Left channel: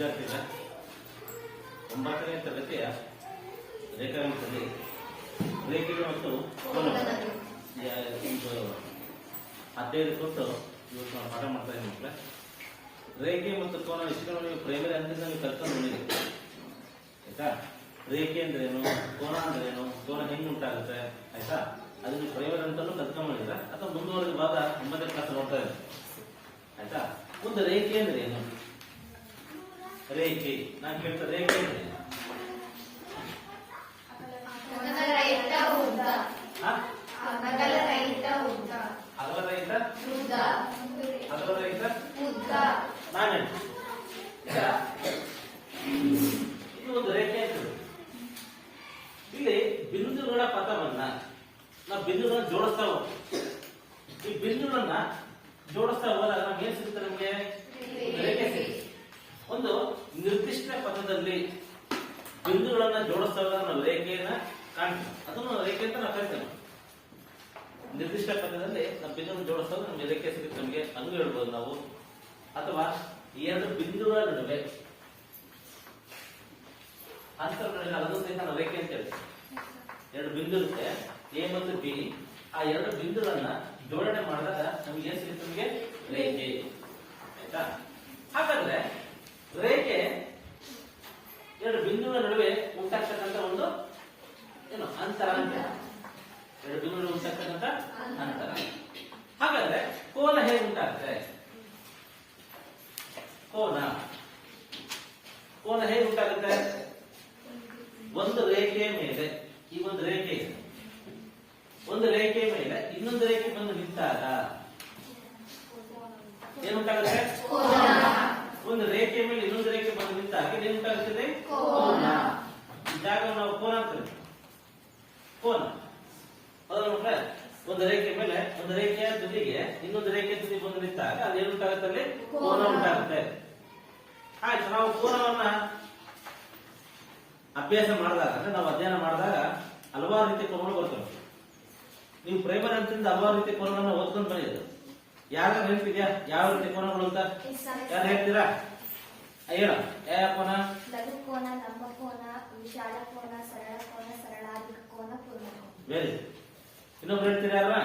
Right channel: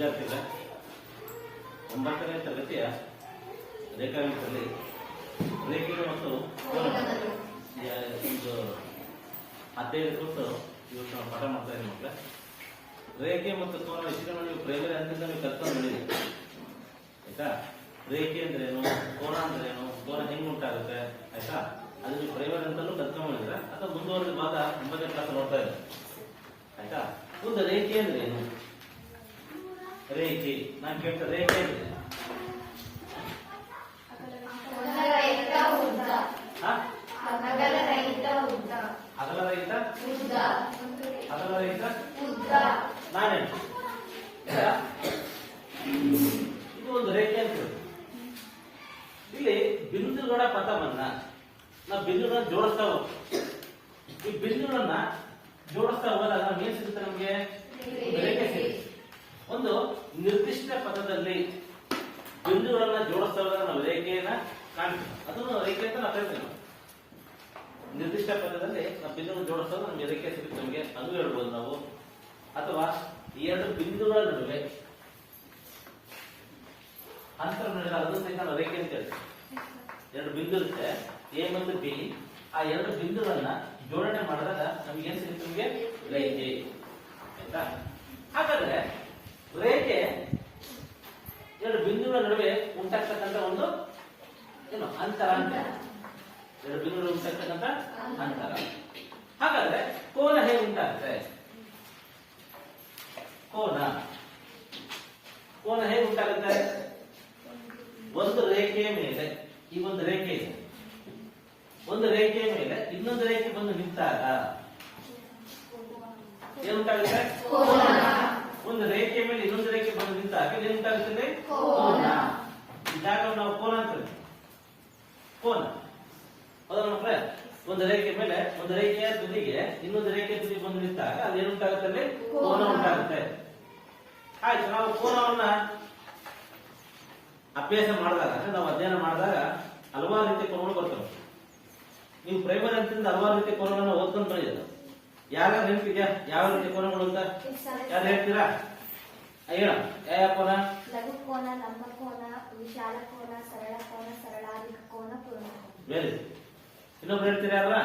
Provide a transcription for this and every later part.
ವಿದ್ಯಾರ್ಥಿಗಳ 9ನೇ ತರಗತಿಯ ರೇಖಾಗಣಿತದಲ್ಲಿ ರೇಖೆಗಳು ಮತ್ತು ಕೋನಗಳು ಒಂದು 15 ಕುರಿತು ಇವತ್ತು ನಾವು ಪಾಠ ಮಾಡ್ತಾ ಇದ್ದೀವಿ ಮಕ್ಕಳೇ. ರೇಖೆ ಮತ್ತು ಕೋನ ಇಷ್ಟನ್ನು ನೀವು ಪ್ರೈಮರಿ ಹಂತದಿಂದ ನೀವು ಕಲ್ತ್ಕೊಂಡು ಬಂದಿದ್ದೀರಿ ಆಯ್ತಾ. ರೇಖೆ ಅಂದ್ರೇನು, ಕೋನ ಅಂದ್ರೇನು, ಕೋನ ಹೆಂಗ್ ಉಂಟಾಗುತ್ತೆ ಆಯ್ತಾ, ಅದು ನೀವು ಪ್ರೈಮರಿ ಅಂತಲೂ ಕಲ್ತ್ಕೊಂಡಿದ್ರೆ ಅಥವಾ ಮುಂದುವರೆದ ಭಾಗ 9ನೇ ಕ್ಲಾಸ್ ನೋಡ್ತಾ ಇದ್ದಾರೆ ಆಯ್ತಾ. ಮುಂದೆ ರೇಖೆ ಅಂದ್ರೆ ಏನು? ರೇಖೆ ನಾನು ಕೇಳ್ತಾರೆ ರೇಖೆ ಅಂದ್ರೆ ನಾನೇ ಇದು ಒಂದು ರೇಖೆ ಅಂತ. ಇಲ್ಲಿ ಬಿಂದುಗಳ ಪಥವನ್ನ ನಾವು ಬಿಂದುಗಳನ್ನ ಜೋಡಿಸ್ತಾ ಹೋಗ್ತೀವಿ. ಈ ಬಿಂದುಗಳನ್ನ ಜೋಡಿಸ್ತಾ ಹೋದಾಗ ಏನ್ ಸಿಗುತ್ತೆ ನಮ್ಗೆ? ರೇಖೆ ಸಿಗುತ್ತೆ. ಒಂದು ನಿರ್ದಿಷ್ಟ ಪಥದಲ್ಲಿ ಬಿಂದುಗಳನ್ನ ಜೋಡಿಸ್ತಾ ಹೋದಾಗ ನಾವು ರೇಖೆಯನ್ನ ಕಾಣ್ತೀವಿ. ಅದನ್ನು ರೇಖೆ ಅಂತ ನಾವು ಕರಿತೀವಿ. ನಿರ್ದಿಷ್ಟ ಪಥದಲ್ಲಿ ನಾವು ಬಿಂದುಗಳನ್ನು ಜೋಡಿಸ್ದಾಗ ನಮ್ಗೆ ರೇಖೆ ಸಿಗುತ್ತೆ ನಮಗೆ, ಅದು ಹೇಳ್ಬೋದು ನಾವು. ಅಥವಾ ಎರಡು ಬಿಂದುಗಳ ನಡುವೆ ಅಂತರ ನಡುವೆ ಅದನ್ನು ನಾವು ರೇಖೆ ಅಂತ ಹೇಳ್ತೀವಿ. ಎರಡು ಬಿಂದು ಇರುತ್ತೆ ಎ ಮತ್ತು ಬಿ, ಆ ಎರಡು ಬಿಂದುಗಳನ್ನ ಜೋಡಣೆ ಮಾಡಿದಾಗ ನಮ್ಗೆ ಏನ್ ಸಿಗುತ್ತೆ? ನಮಗೆ ರೇಖೆ ಆಯ್ತಾ. ಹಾಗಾದ್ರೆ ರೇಖೆ ಎರಡು ಬಿಂದುಗಳ ನಡುವೆ ಉಂಟಾಗ್ತಕ್ಕಂಥ ಒಂದು ಏನು ಅಂತರ ಅಂತ, ಎರಡು ಬಿಂದುಗಳು ಉಂಟಾಗ್ತಕ್ಕಂಥ ಅಂತರ. ಹಾಗಾದ್ರೆ ಕೋನ ಹೇಗೆ ಉಂಟಾಗುತ್ತೆ? ಕೋನ ಹೇಗೆ ಉಂಟಾಗುತ್ತೆ? ಒಂದು ರೇಖೆಯ ಮೇಲೆ ಈ ಒಂದು ರೇಖೆ ಇದೆ, ಒಂದು ರೇಖೆಯ ಮೇಲೆ ಇನ್ನೊಂದು ರೇಖೆ ಬಂದು ನಿಂತಾಗ ಏನುಂಟಾಗುತ್ತೆ? ಒಂದು ರೇಖೆಯ ಮೇಲೆ ಇನ್ನೊಂದು ರೇಖೆ ಬಂದು ನಿಂತಾಗ ಏನುಂಟಾಗುತ್ತದೆ? ಕೋನ. ಈ ಜಾಗವನ್ನು ನಾವು ಕೋನ ಅಂತೀವಿ. ಕೋನ ಹೌದಾ ಮಕ್ಕಳೇ? ಒಂದು ರೇಖೆ ಮೇಲೆ ಒಂದು ರೇಖೆಯ ತುದಿಗೆ ಇನ್ನೊಂದು ರೇಖೆಯ ತುದಿ ಬಂದು ನಿಂತಾಗ ಅದೇನುಂಟಾಗುತ್ತದೆ? ಕೋನ ಉಂಟಾಗುತ್ತೆ. ಆಯ್ತು, ನಾವು ಕೋನವನ್ನ ಅಭ್ಯಾಸ ಮಾಡಿದಾಗ ಅಂದ್ರೆ ನಾವು ಅಧ್ಯಯನ ಮಾಡಿದಾಗ ಹಲವಾರು ರೀತಿಯ ಕೋನಗಳು ಬರ್ತವೆ. ನೀವು ಪ್ರೈಮರಿ ಹಂತದಿಂದ ಹಲವಾರು ರೀತಿಯ ಕೋನಗಳನ್ನ ಓದ್ಕೊಂಡು ಬಂದಿದ್ದೀರ. ಯಾರು ಹೇಳ್ತಿದ್ಯಾ ಯಾವ ರೀತಿಯ ಕೋನಗಳು ಅಂತ? ಯಾರು ಹೇಳ್ತೀರಾ? ಹೇಳ ಯಾವ ಕೋನ? ಲಘು ಕೋನ, ಲಂಬ ಕೋನ, ವಿಶಾಲ ಕೋನ, ಸರಳ ಕೋನ, ಸರಳಾಧಿಕ ಕೋನ, ಪೂರ್ಣ ಕೋನ. ವೆರಿ. ಇನ್ನೊಬ್ರು ಹೇಳ್ತೀರಾ ಅಲ್ವಾ?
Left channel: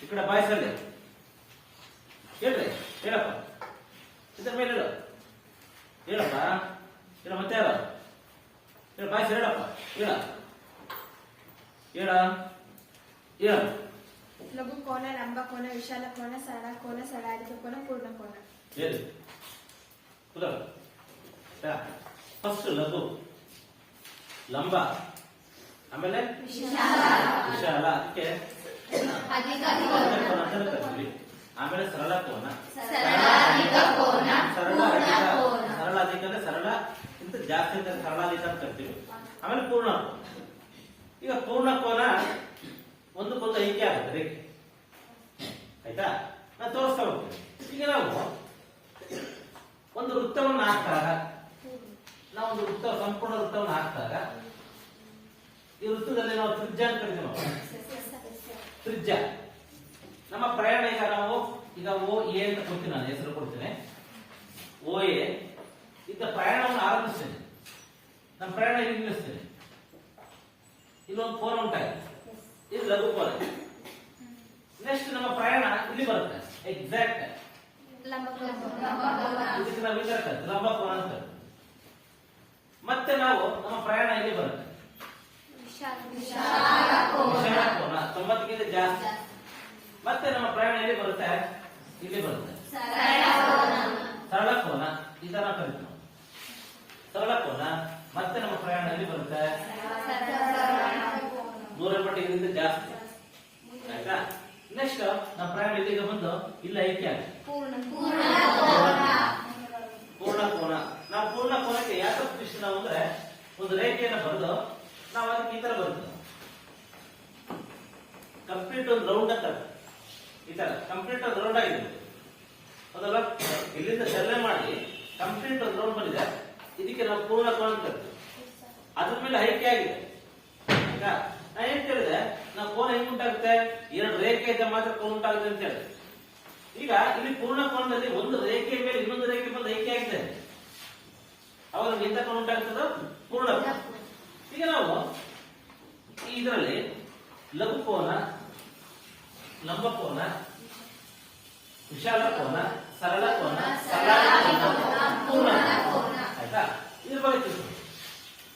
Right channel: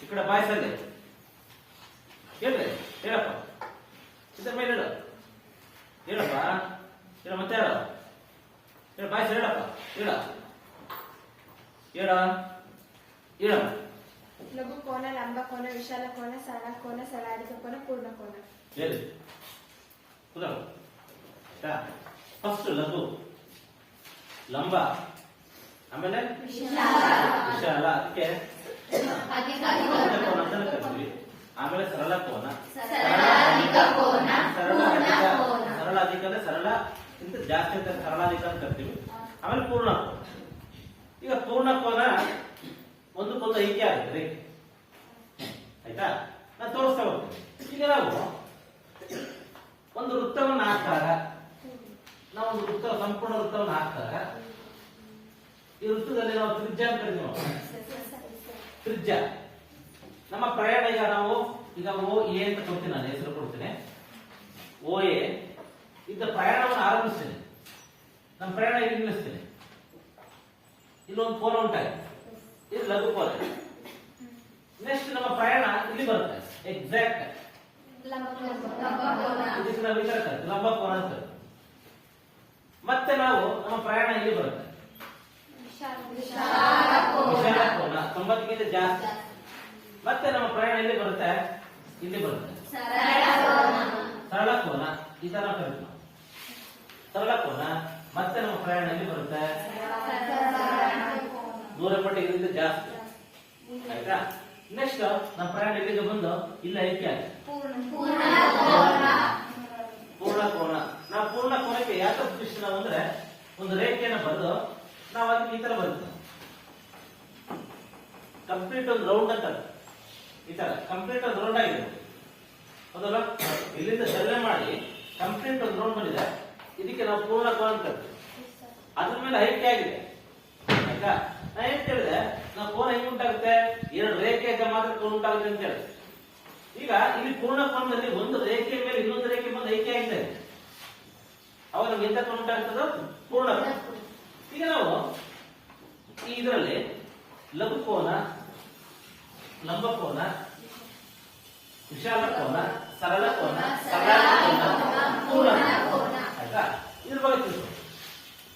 ಈ ಕಡೆ ಬಾಯ್ಸಲ್ಲಿ ಹೇಳ್ರಿ, ಹೇಳಪ್ಪ. ಇದ್ರ ಮೇಲೆ ಹೇಳು, ಹೇಳಪ್ಪ. ಹೇಳ ಮತ್ತೆ ಯಾರು? ಹೇಳ ಬಾಯ್ಸ್, ಹೇಳಪ್ಪ. ಹೇಳ ಹೇಳ ಹೇಳ. ಲಘು ಕೋನ, ಲಂಬ ಕೋನ, ವಿಶಾಲ ಕೋನ, ಸರಳ ಕೋನ, ಸರಳಾಧಿಕ ಕೋನ, ಪೂರ್ಣ ಕೋನ. ಹೇಳಿ ಫಸ್ಟ್ ಲಘು, ಲಂಬ, ಆಮೇಲೆ ವಿಶಾಲ, ಅದಕ್ಕೆ ಕೋನ ಅಂತ ಕರಿತೀವಿ. ಆಮೇಲೆ ಸರಳ ಕೋನ, ಸರಳಾಧಿಕ ಅಂದ್ರೆ ಸರಳ ಇಂತ ಜಾಸ್ತಿ ಅಂತ ಸರಳಾಧಿಕ ಅಂತ ಕರಿತೀವಿ. ಆಮೇಲೆ ಪೂರ್ಣ ಕೋನ. ಈಗ ಪೂರ್ಣ ಕೋನ ಒಂದಕ್ಕೊಂದು ಐಕ್ಯ ಆಗುತ್ತೆ ರೇಖೆ ಆಯ್ತಾ. ನಾನು ತೋರಿಸ್ತಾ ಹೋಗ್ತೀನಿ. ಈಗ ನಾವು ಒಂದು ವೃತ್ತವನ್ನು ಹಾಕಿದಾಗ, ನಾವು ಒಂದು ವೃತ್ತ ಸಂಪೂರ್ಣ ವೃತ್ತವನ್ನು ಹಾಕಿದಾಗ ಈ ವೃತ್ತದಲ್ಲಿ ನಾವು ತ್ರಿಜ್ಯ ಅಂತ ಕರಿತೀವಿ. ತ್ರಿಜ್ಯ ನಮ್ಮ ಪ್ರಯಾಣ. ಈಗ ಓ ಎ ಅಂತ ಕೊಡ್ತೀನಿ, ನಾನು ಹೆಸರು ಕೊಡ್ತೇನೆ. ಓ ಎ ಇದ್ದ ಪ್ರಯಾಣವನ್ನು ಆರಂಭಿಸ್ತೇನೆ. ನಮ್ಮ ಪ್ರಯಾಣ ಇಲ್ಲಿ ನಿಲ್ಲಿಸ್ತೇನೆ. ಇಲ್ಲೊಂದು ಕೋನ ಉಂಟಾಗಿದೆ, ಇದು ಲಘು ಕೋನ. ನೆಕ್ಸ್ಟ್ ನಮ್ಮ ಪ್ರಯಾಣ ಇಲ್ಲಿ ಬರುತ್ತೆ, ಎಕ್ಸಾಕ್ಟ್ ಲಂಬ ಕೋನ ಅಂತ. ಮತ್ತೆ ನಾವು ನಮ್ಮ ಪ್ರಯಾಣ ಇಲ್ಲಿ ಬರುತ್ತೆ, ವಿಶಾಲ ಕೋನ, 90ಗಿಂತ ಜಾಸ್ತಿ. ಮತ್ತೆ ನಮ್ಮ ಪ್ರಯಾಣ ಇಲ್ಲಿ ಬರುತ್ತೆ, ಇಲ್ಲಿ ಬರುತ್ತೆ ಸರಳ ಕೋನ. ಈ ತರ ಕರೀತೀವಿ ನಾವು ಸರಳ ಕೋನ. ಮತ್ತೆ ನಮ್ಮ ಪ್ರಯಾಣ ಇಲ್ಲಿ ಬರುತ್ತೆ 180 ಜಾಸ್ತಿ ಆಯ್ತಾ. ನೆಕ್ಸ್ಟ್ ನಮ್ಮ ಪ್ರಯಾಣ ಇಲ್ಲಿಗೆ ಬಂದು ಇಲ್ಲ ಐಕ್ಯ ಪೂರ್ಣ ಕೋನ. ನಾವು ಪೂರ್ಣ ಕೋನಕ್ಕೆ ಯಾಕೆ ದೃಷ್ಟಿ ನಾವು ಅಂದ್ರೆ ಒಂದು ರೇಖೆಯನ್ನು ಬರೆದು ನಾವು ಅದಕ್ಕೆ ಈ ತರ ಬರ್ತೇವೆ. ಕಂಪ್ಲೀಟ್ ಒಂದು ರೌಂಡ್ ಅಂತ ಈ ತರ ಕಂಪ್ಲೀಟ್ ಒಂದು ರೌಂಡ್ ಆಗಿದೆ ಹೌದಲ್ಲ. ಇಲ್ಲಿಂದ ಚಲನೆ ಮಾಡಿ ಕಂಪ್ಲೀಟ್ ಒಂದು ರೌಂಡ್ ಬಂದಿದೆ, ಇದಕ್ಕೆ ನಾವು ಪೂರ್ಣ ಕೋನ ಅಂತ ಕರಿತೀವಿ. ಅದ್ರ ಮೇಲೆ ಐಕ್ಯ ಆಗಿದೆ ಆಯ್ತಾ. ನಾ ಏನ್ ಹೇಳಿದೆ, ನಾವು ಕೋನ ಹೆಂಗ್ ಉಂಟಾಗುತ್ತೆ? ಎರಡು ರೇಖೆ ಇದ್ದ ಮಾತ್ರ ಕೋನ ಉಂಟಾಗುತ್ತೆ ಅಂತ ಹೇಳಿ. ಈಗ ಇಲ್ಲಿ ಪೂರ್ಣ ಕೋನದಲ್ಲಿ ಒಂದು ರೇಖೆ ಮೇಲೆ ಇನ್ನೊಂದು ರೇಖೆ ಬಂದು ಐಕ್ಯ ಆಗಿದೆ. ಅವಾಗ ಎಂತ ಕೋನ ಉಂಟಾಗ್ತದ? ಪೂರ್ಣ ಕೋನ. ಈಗ ನಾವು ಇದರಲ್ಲಿ ಲಘು ಕೋನ, ಲಂಬ ಕೋನ, ವಿಶಾಲ ಕೋನ, ಸರಳ ಕೋನ, ಸರಳಾದಿ ಕೋನ, ಪೂರ್ಣ ಕೋನ. ಆಯ್ತಾ? ಇದ್ರ ಬಗ್ಗೆ ತಿಳ್ಕೊಳ್ಳಿ.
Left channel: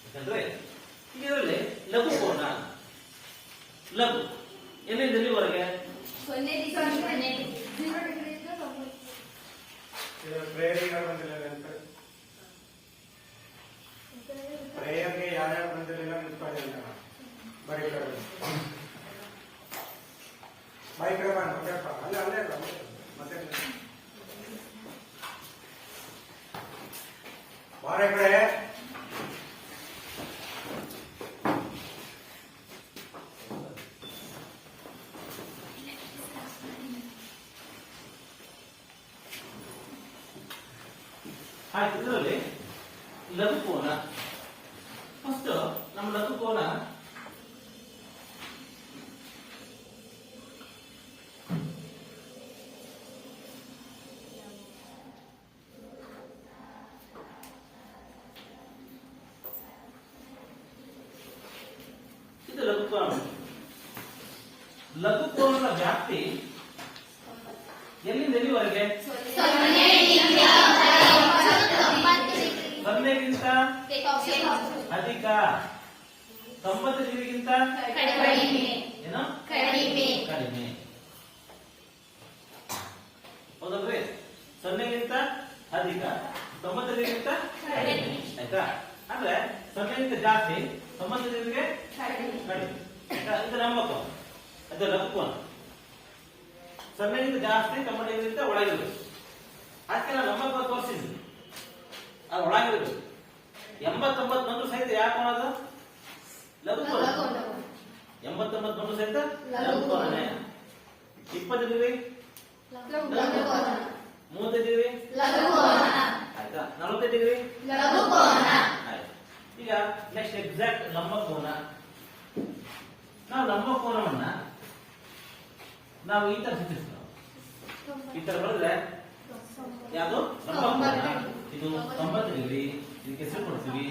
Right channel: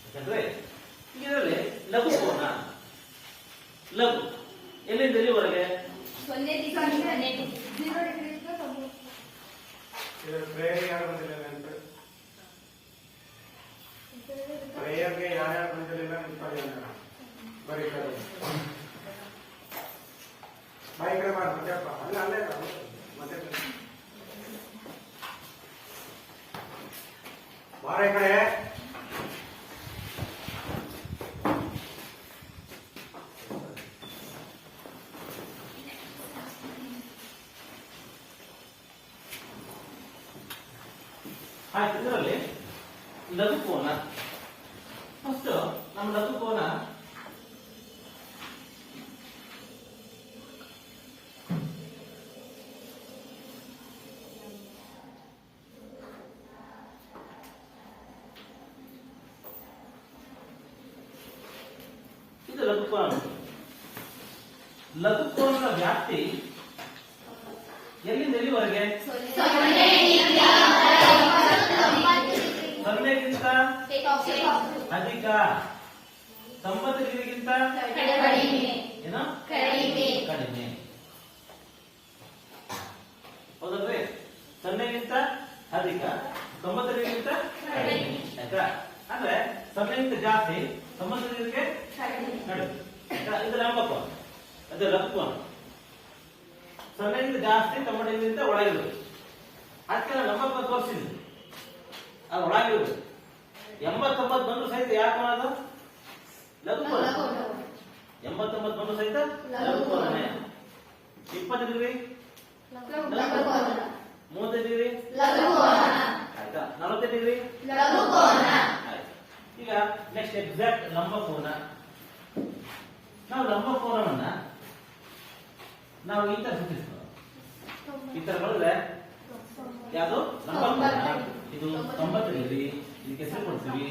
ಯಾಕಂದ್ರೆ ಇದರಲ್ಲಿ ಲಘು ಕೋನ, ಲಘು ಎಲ್ಲಿಂದ ಎಲ್ಲಿವರೆಗೆ? ಪ್ರೇಯರ್ಗೆ ಯಾರ್ಯಾವ ಬಂದಿರಲಿಲ್ಲ ಅಂತ ಬರೀತಾರೆ. ಬೈಕ್ರೆ ಮತ್ತೆಪ್ಪ ಅಲ್ಲೇ ಅಲ್ಲೇ ಮತ್ತೆ ಬಾರ ಈ ಕಡೆ. ಆಯ್ತು, ಇದರಲ್ಲಿ ಲಘು ಕೋನ. ಫಸ್ಟ್ ನಮ್ಮ ಲಘು ಕೋನ ಇದು ಲಘು ಕೋನ. ಲಘು ಕೋನದ ವ್ಯಾಪ್ತಿ ಎಲ್ಲಿಂದ ಎಲ್ಲಿವರೆಗೆ? 0ಗಿಂತ ಅಧಿಕ, 90 ಡಿಗ್ರಿಗಿಂತ ಏನೋ ಕಡಿಮೆ. ಹೌದಲ್ರಿ? 0ಗಿಂತ ಅಧಿಕ, 90 ಡಿಗ್ರಿಗಿಂತ ಕಡಿಮೆ. ಆಯ್ತಾ? ಅಂದ್ರೆ 0ಗಿಂತ ಜಾಸ್ತಿ, 90 ಡಿಗ್ರಿಗೆ ಕಡಿಮೆ. ಆಯ್ತಾ? ಇದು ಲಂಬ ಕೋನ, ಅದು ಲಘು ಕೋನ. 0ಗಿಂತ ಜಾಸ್ತಿ, 90 ಡಿಗ್ರಿಗಿಂತ ಒಳಗಿರುವುದು. ಅದಕ್ಕೆ ನಾನು ಲಂಬ ಕೋನ ತೋರಿಸಿದ್ದೀನಿ. ಅದು ಒಳಗಿರುವುದು 89 ಬಂದು ಸಹಿತ ಯಾಕೆ ಅದು ಲಘು ಕೋನ. 89 ಬಂದು ಸಹಿತ ಲಘು ಕೋನನೇ. 20 ಡಿಗ್ರಿ 30 ಡಿಗ್ರಿ ಆಯ್ತಾ? 40 ಡಿಗ್ರಿ ಆಯ್ತು. ಈಗ ನೆಕ್ಸ್ಟ್ ಎಕ್ಸಾಕ್ಟ್ ಲಂಬ ಕೋನ. ನಾವು ಲಂಬ ಕೋನವನ್ನ ನಾವು ಈ ತರ ಸೂಚಿಸ್ತೇವೆ. ಈ ತರ ಬರೆದ್ರೆ ಯಾವುದು ಲಂಬ ಕೋನ? ಇದು 90 ಡಿಗ್ರಿ. ಇದಕ್ಕೆ ಹೆಸರು ಕೊಡ್ತೀವಿ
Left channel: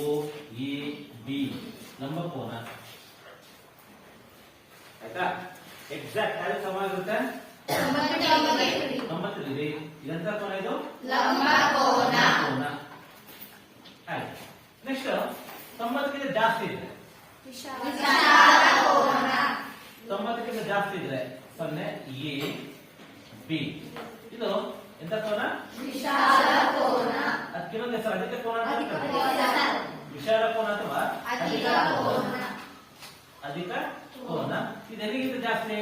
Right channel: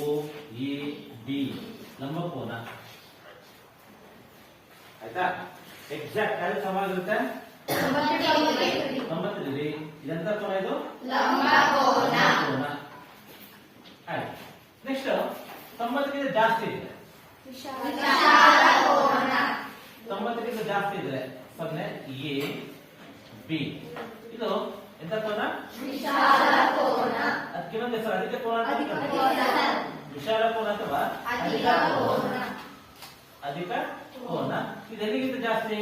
ಓ ಎ ಬಿ, ಲಂಬ ಕೋನ. ಆಯ್ತಾ? ಎಕ್ಸಾಕ್ಟ್ ಆಗಿ ಸಮಾಗಿರುತ್ತೆ 90 ಡಿಗ್ರಿ. ಇದೆಂತ ಕೋನ? ಇದು ಲಂಬ ಕೋನ. ಆಯ್ತು. ನೆಕ್ಸ್ಟ್ 90ಗಿಂತ ಜಾಸ್ತಿ ಇದೆ, 90ಗಿಂತ ಜಾಸ್ತಿ ಇದ್ರೆ 0 ಎ ಬಿ. ಇದು ಎಂತ ಕೋನ? ಅದಕ್ಕೆ ಇನ್ನೊಂದು ಹೆಸರು ಅಧಿಕ ಕೋನ ಅಂತ ಕರೀತಾರೆ. ವಿಶಾಲ ಕೋನ ಅಥವಾ ಅಧಿಕ ಕೋನ. ಇದು ಎಲ್ಲಿಗಿಂತ ಜಾಸ್ತಿ?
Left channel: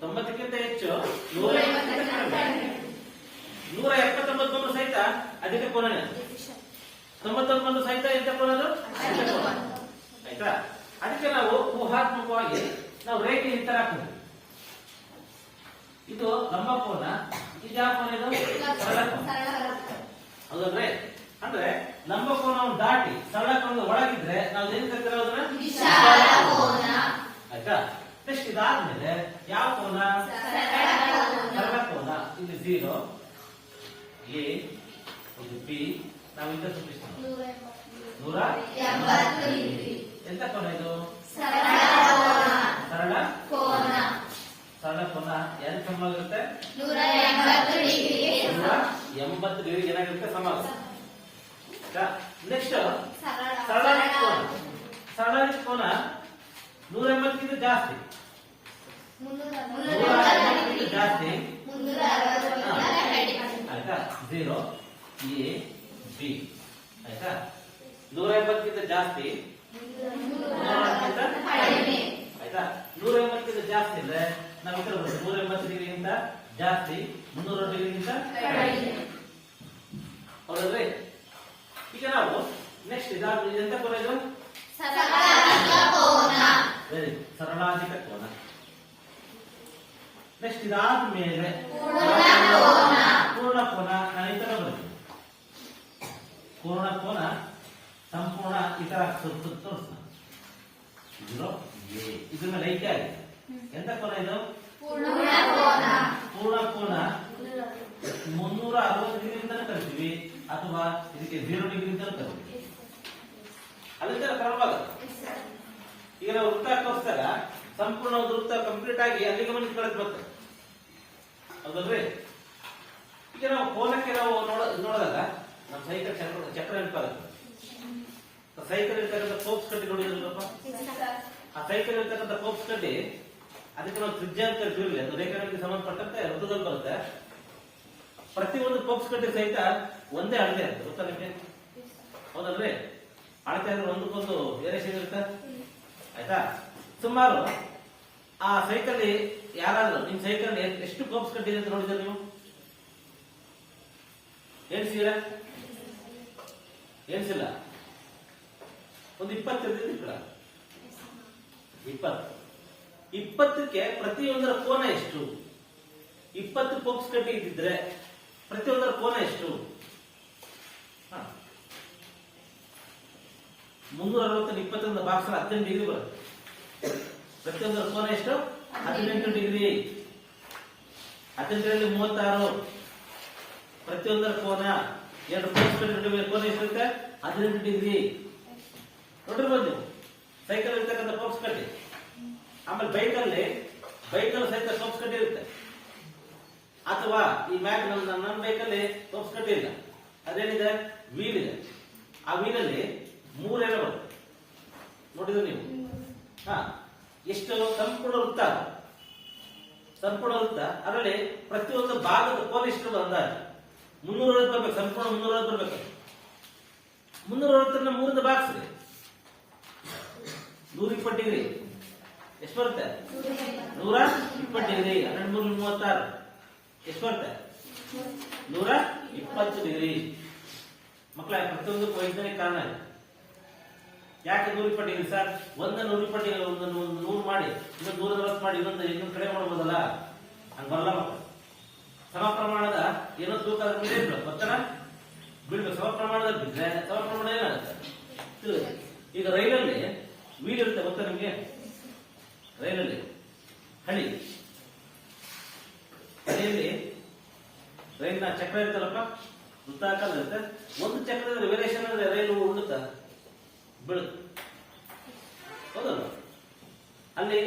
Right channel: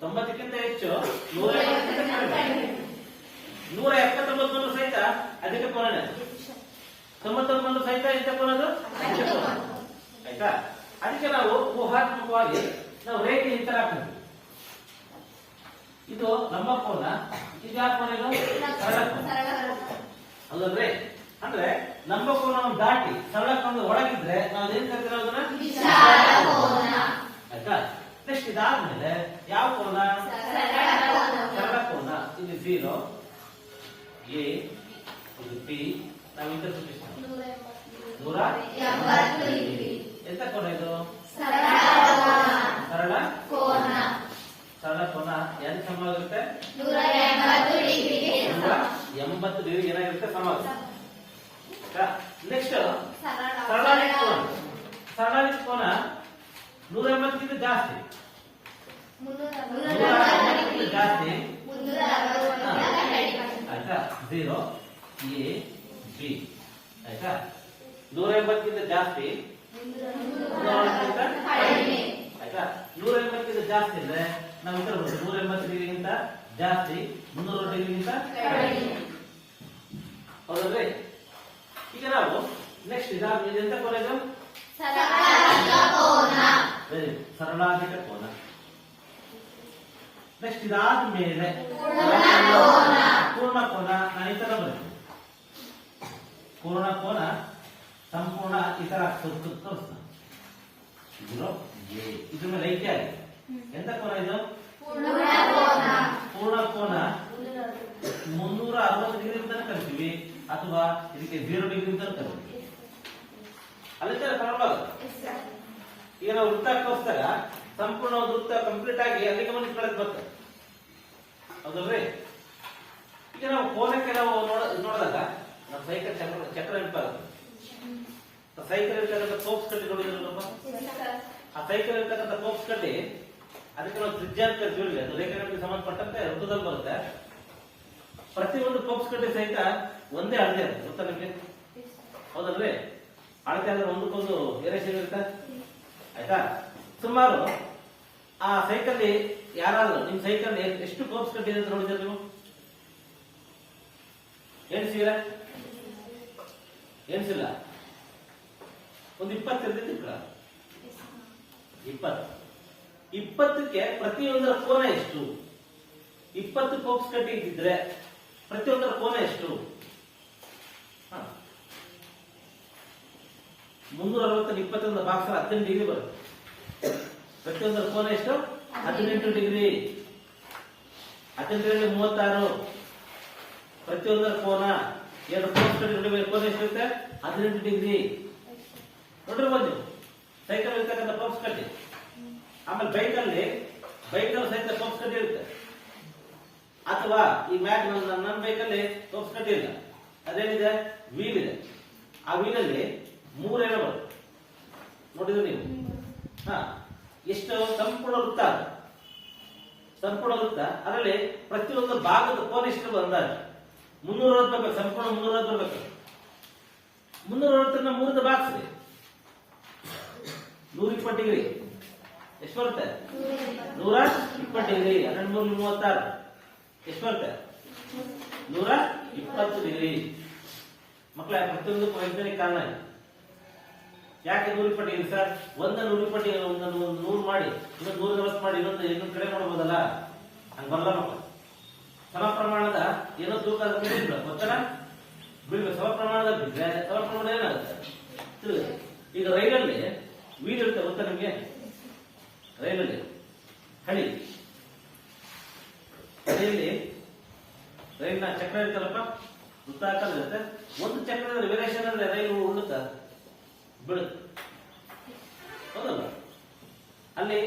90ಕ್ಕಿಂತ ಹೆಚ್ಚು, 179 ಬಂದು ಸಹಿತ ಅಧಿಕ ಕೋನನೇ. 91 ಬಂದು ಸಹಿತ ಎಂತ ಕೋನದು? ಅಧಿಕ ಕೋನ. ಆಯ್ತಾ? ಅದಕ್ಕೆ ನಾವು ಊಹಾತ್ಮಕವಾಗಿ ನಾವು ರೇಖೆ ಈ ತರ ಹಾಕ್ತೀವಿ. ಇದು ಲಂಬ ಕೋನ, ಇದು ಯಾವ ಕೋನ? ಇದು ಸರಳ ಕೋನ. ಹೌದಲ್ರಿ? ಅಂದ್ರೆ ಲಂಬ ಕೋನವನ್ನು ದಾಟಿ ಸರಳ ಕೋನದ ಒಳಗಿದ್ರೆ ನಾವು ಏನ್ ಕರಿತಿರೋದನ್ನ ವಿಶಾಲ ಕೋನ. ಆಯ್ತಾ? ನೆಕ್ಸ್ಟ್ ಇದಾದ್ಮೇಲೆ ಯಾವ ಕೋನ? ಸರಳ ಕೋನ. ಇದು 0 ಎ, ಇದು ಬಿ. ನಾವು ಇಂತ ಸೂಚಿಸ್ತೇವೆ 180. ಎಂತ ಕೋನ ಇದು? ಸರಳ ಕೋನ. ಸರಳ ಕೋನ ಯಾರಿಗೆ ಸಮವಾಗಿರುತ್ತೆ? 180 ಡಿಗ್ರಿ ಏನಾಗಿರುತ್ತೆ? ಸಮವಾಗುತ್ತೆ. ನೆಕ್ಸ್ಟ್ ಸರಳಾದಿ ಕೋನ. ಸರಳಾದಿ ಕೋನ 180ಗಿಂತ ಜಾಸ್ತಿ, 180ಗಿಂತ ಜಾಸ್ತಿ. ಆಯ್ತಾ? 0 ಎ ಬಿ. ಆಯ್ತಾ? 180ಗಿಂತ ಜಾಸ್ತಿ, 180ಗಿಂತ ಆಯ್ತಾ? 180ಗಿಂತ ಜಾಸ್ತಿ ಅಂದ್ರೆ ನಾವು ಇತರ 180 ಡಿಗ್ರಿಗಿಂತ ಜಾಸ್ತಿ, 300 ಡಿಗ್ರಿಗಿಂತ ಹೌದಲ್ರಿ? ಈಗ ನಾವು ನೆಕ್ಸ್ಟ್ ಇದಾದ್ಮೇಲೆ ಎಂತ ಕೋನ? ಇದು ವೆರಿ ಸರಳಾಧಿಕ ಕೋನ. ನೆಕ್ಸ್ಟ್ ಇದಾದ್ಮೇಲೆ ಪೂರ್ಣ ಕೋನ. ನಾನು ಈ ತರ ಬರ್ತೀನಿ. ಪೂರ್ಣ ಕೋನ ಸಂಪೂರ್ಣ ಈ ತರ ತೋರಿಸ್ತಾನೆ. 0 ಎ. ಇದ್ರ ಮೇಲೆ ಐತೆ ಆಗಿದೆ. ಎಂತ ಕೋನ ಇದು? ಪೂರ್ಣ ಕೋನ 360 ಡಿಗ್ರಿ ಅಂತಾನೆ ಕರಿತೀವಿ ಅಥವಾ ಇದಕ್ಕೆ 0 ಡಿಗ್ರಿ ಅಂತ ಕರಿತೀವಿ. ಅಲ್ಲಿ ಸರಳವಾಗ ಈಗ ನಾವು ವೃತ್ತಕ್ಕೋಸ್ಕರ ಸಂಪೂರ್ಣ ಒಂದು ವೃತ್ತ ಕಂಪ್ಲೀಟ್ ಆಗಿ ಅಲ್ಲಿಗೆ ಬಂದು ಕಳೆದು ಬರ್ತದೆ, ಹೌದಲ್ರಿ? ಈಗ ನಾವು ಕೋನಕ್ಕೆ ನಾವು ನೋಡಿದಾಗ ನಮ್ಮ ಸೈಕಲ್ ಚಕ್ರ ನೆನಪಾಗುತ್ತೆ. ಸೈಕಲ್ ಇರ್ತಕ್ಕಂಥ ಪೋಕ್ಸ್ ಕಡ್ಡಿ ನೋಡಿದ್ರಲ್ಲಪ್ಪ, ಆ ಸೈಕಲ್ ಇರ್ತಕ್ಕಂಥ ಪೋಕ್ಸ್ ಕಡ್ಡಿ ಅದಕ್ಕೆ ನಾವು ತ್ರಿಜ್ಯ ಅಂತ ಕರಿತೀವಿ. ಅದು ರೇಖಾಗಣಿತಕ್ಕೆ ಸಂಬಂಧಪಟ್ಟಂತೆ ವೃತ್ತದಲ್ಲಿ ಬರುತ್ತೆ. ಪ್ರತಿಯೊಂದು ಪೋಕ್ಸ್ ಕಡ್ಡಿ ಸಹಿತ ಒಂದೇ ಅಳತೆ ಇರುತ್ತೆ, ಗೊತ್ತಾ ನಿಮಗೆ? ಹೌದಲ್ರಿ? ಅಳತೆ ಆದ್ರೆ ಒಂದಕ್ಕೊಂದು ವೇರಿಯೇಷನ್ ಇರುತ್ತೆ, ಆಯ್ತಾ? ಸುಮಾರು ಆ ಸೈಕಲ್ ಯಾರಾದ್ರೂ ನಿಮ್ ಸೈಕಲ್ ಎಷ್ಟು ಪೋಕ್ಸ್ ಕಡ್ಡಿ ಅಂತ ನೋಡಿದ್ರೆ ನೀವು ಎಣಿಸಿರ? ಎಣಿಸಿಲ್ಲ? ಒಂದು 20 ಇರ್ತಿತ್ತು. 20ಕ್ಕೆ ಪ್ರತಿಯೊಂದರ ಕೋನ ಎಷ್ಟು? 20 ಪೋಕ್ಸ್ ಕಡ್ಡಿ ಇದ್ದಿದ್ರೆ ಪ್ರತಿಯೊಂದರ ಕೋನ ಎಷ್ಟು? 360 21 ಬಾಕ್ಸ್ 18 ಡಿಗ್ರಿ ಬರುತ್ತೆ. ಪ್ರತಿಯೊಂದರ ಕೋನ ಎಷ್ಟು? 18 ಡಿಗ್ರಿ. 18ರಲ್ಲಿ 36. ಪ್ರತಿಯೊಂದರ ಕೋನ 2 ಪೋಕ್ಸ್ ಕಡ್ಡಿ ನಡುವೆ ಕೋನ ಎಷ್ಟಿರುತ್ತೆ? 18 ಡಿಗ್ರಿ. ನೋಡಿರ್ಬೋದು ನೀವು ಸೈಕಲ್ ಇರ್ತಕ್ಕಂಥ ಪೋಕ್ಸ್ ಕಡ್ಡಿ. ಆಮೇಲೆ ಬೈಕಲ್ಲಿ ಸಹಿತ ಪೋಕ್ಸ್ ಕಡ್ಡಿ ಇರುತ್ತೆ. ಅಥವಾ ಈ ಮ್ಯಾಕ್ ನನ್ನ ಬೈಕಲ್ಲಿ ಪೋಕ್ಸ್ ಕಡ್ಡಿ ಇಲ್ಲ, ಅದೇನಿದೆ? ವೀಲ್ ಇದೆ. ಆ ವೀಲಲ್ಲಿ 3 ಎಳೆ ಬರುತ್ತೆ, ನೋಡಿದ್ರೆ ನೀವು. ಎಷ್ಟು ಸಂಪೂರ್ಣ ವೃತ್ತ, ಅದರಲ್ಲಿ ಪ್ರತಿಯೊಂದು ಭಾಗದ ಕೋನ ಎಷ್ಟು ಅಂದಾಜು 360 ಬರ್ಬೇಕು, ಸಂಪೂರ್ಣ 360 ಬರ್ಬೇಕು. 360 3 ಬಾಕ್ಸ್ 120 ಡಿಗ್ರಿ ಎಷ್ಟು ಬರುತ್ತೆ? 120 ಡಿಗ್ರಿ. 1236 ಎಷ್ಟು ಬರುತ್ತೆ? 120 ಡಿಗ್ರಿ. ಮಕ್ಕಳ ಪ್ರತಿಯೊಂದು ವೈಜ್ಞಾನಿಕ ಕಾರಣ ಇದೆ. ಯಾಕೆ 120 ಡಿಗ್ರಿ ಸರ್? 120 ಡಿಗ್ರಿ, ಒಂದೊಂದು 100 ಮಾಡಿ, ಇನ್ನೊಂದು 140 ಮಾಡಿ, ಇನ್ನೊಂದು ಕಡೆ ಮಾಡ್ಬೋದಲ್ಲ? ಹಂಗ ಬರಲ್ಲ ಮಕ್ಕಳು. ಸಮ ಪ್ರಮಾಣದ ಏನೋ ತೂಕ ಮೇಲೆ ಗೊತ್ತಲ್ಲ, ಬೀಳ್ಬೇಕು. ಸಮ ಪ್ರಮಾಣದಲ್ಲಿ ಬಿದ್ರೆ ಸಮ ಪ್ರಮಾಣ ಏನಾಗುತ್ತೆ? ಈಗ ರೈಲಲ್ಲಿ ವೀಲ್ ಇರುತ್ತೆ, ಗೊತ್ತಾ ನಿಮ್ಗೆ? ರೈಲಲ್ಲಿ ಹಳಿಯಲ್ಲಿ ರೈಲ್ನ ಚಕ್ರ ಇರ್ತಲ್ಲಪ್ಪ, ವೃತ್ತಾಕಾರ ಇರುತ್ತೆ. ಒಂದು ಚಕ್ರದಲ್ಲಿ ವೇರಿಯೇಷನ್ ಅಂದ್ರೆ ರೈಲು ಉಳ್ಳುತ್ತಾ ಬೀಳುತ್ತೆ, ಹೌದಲ್ಲ? ಅಲ್ಲಿ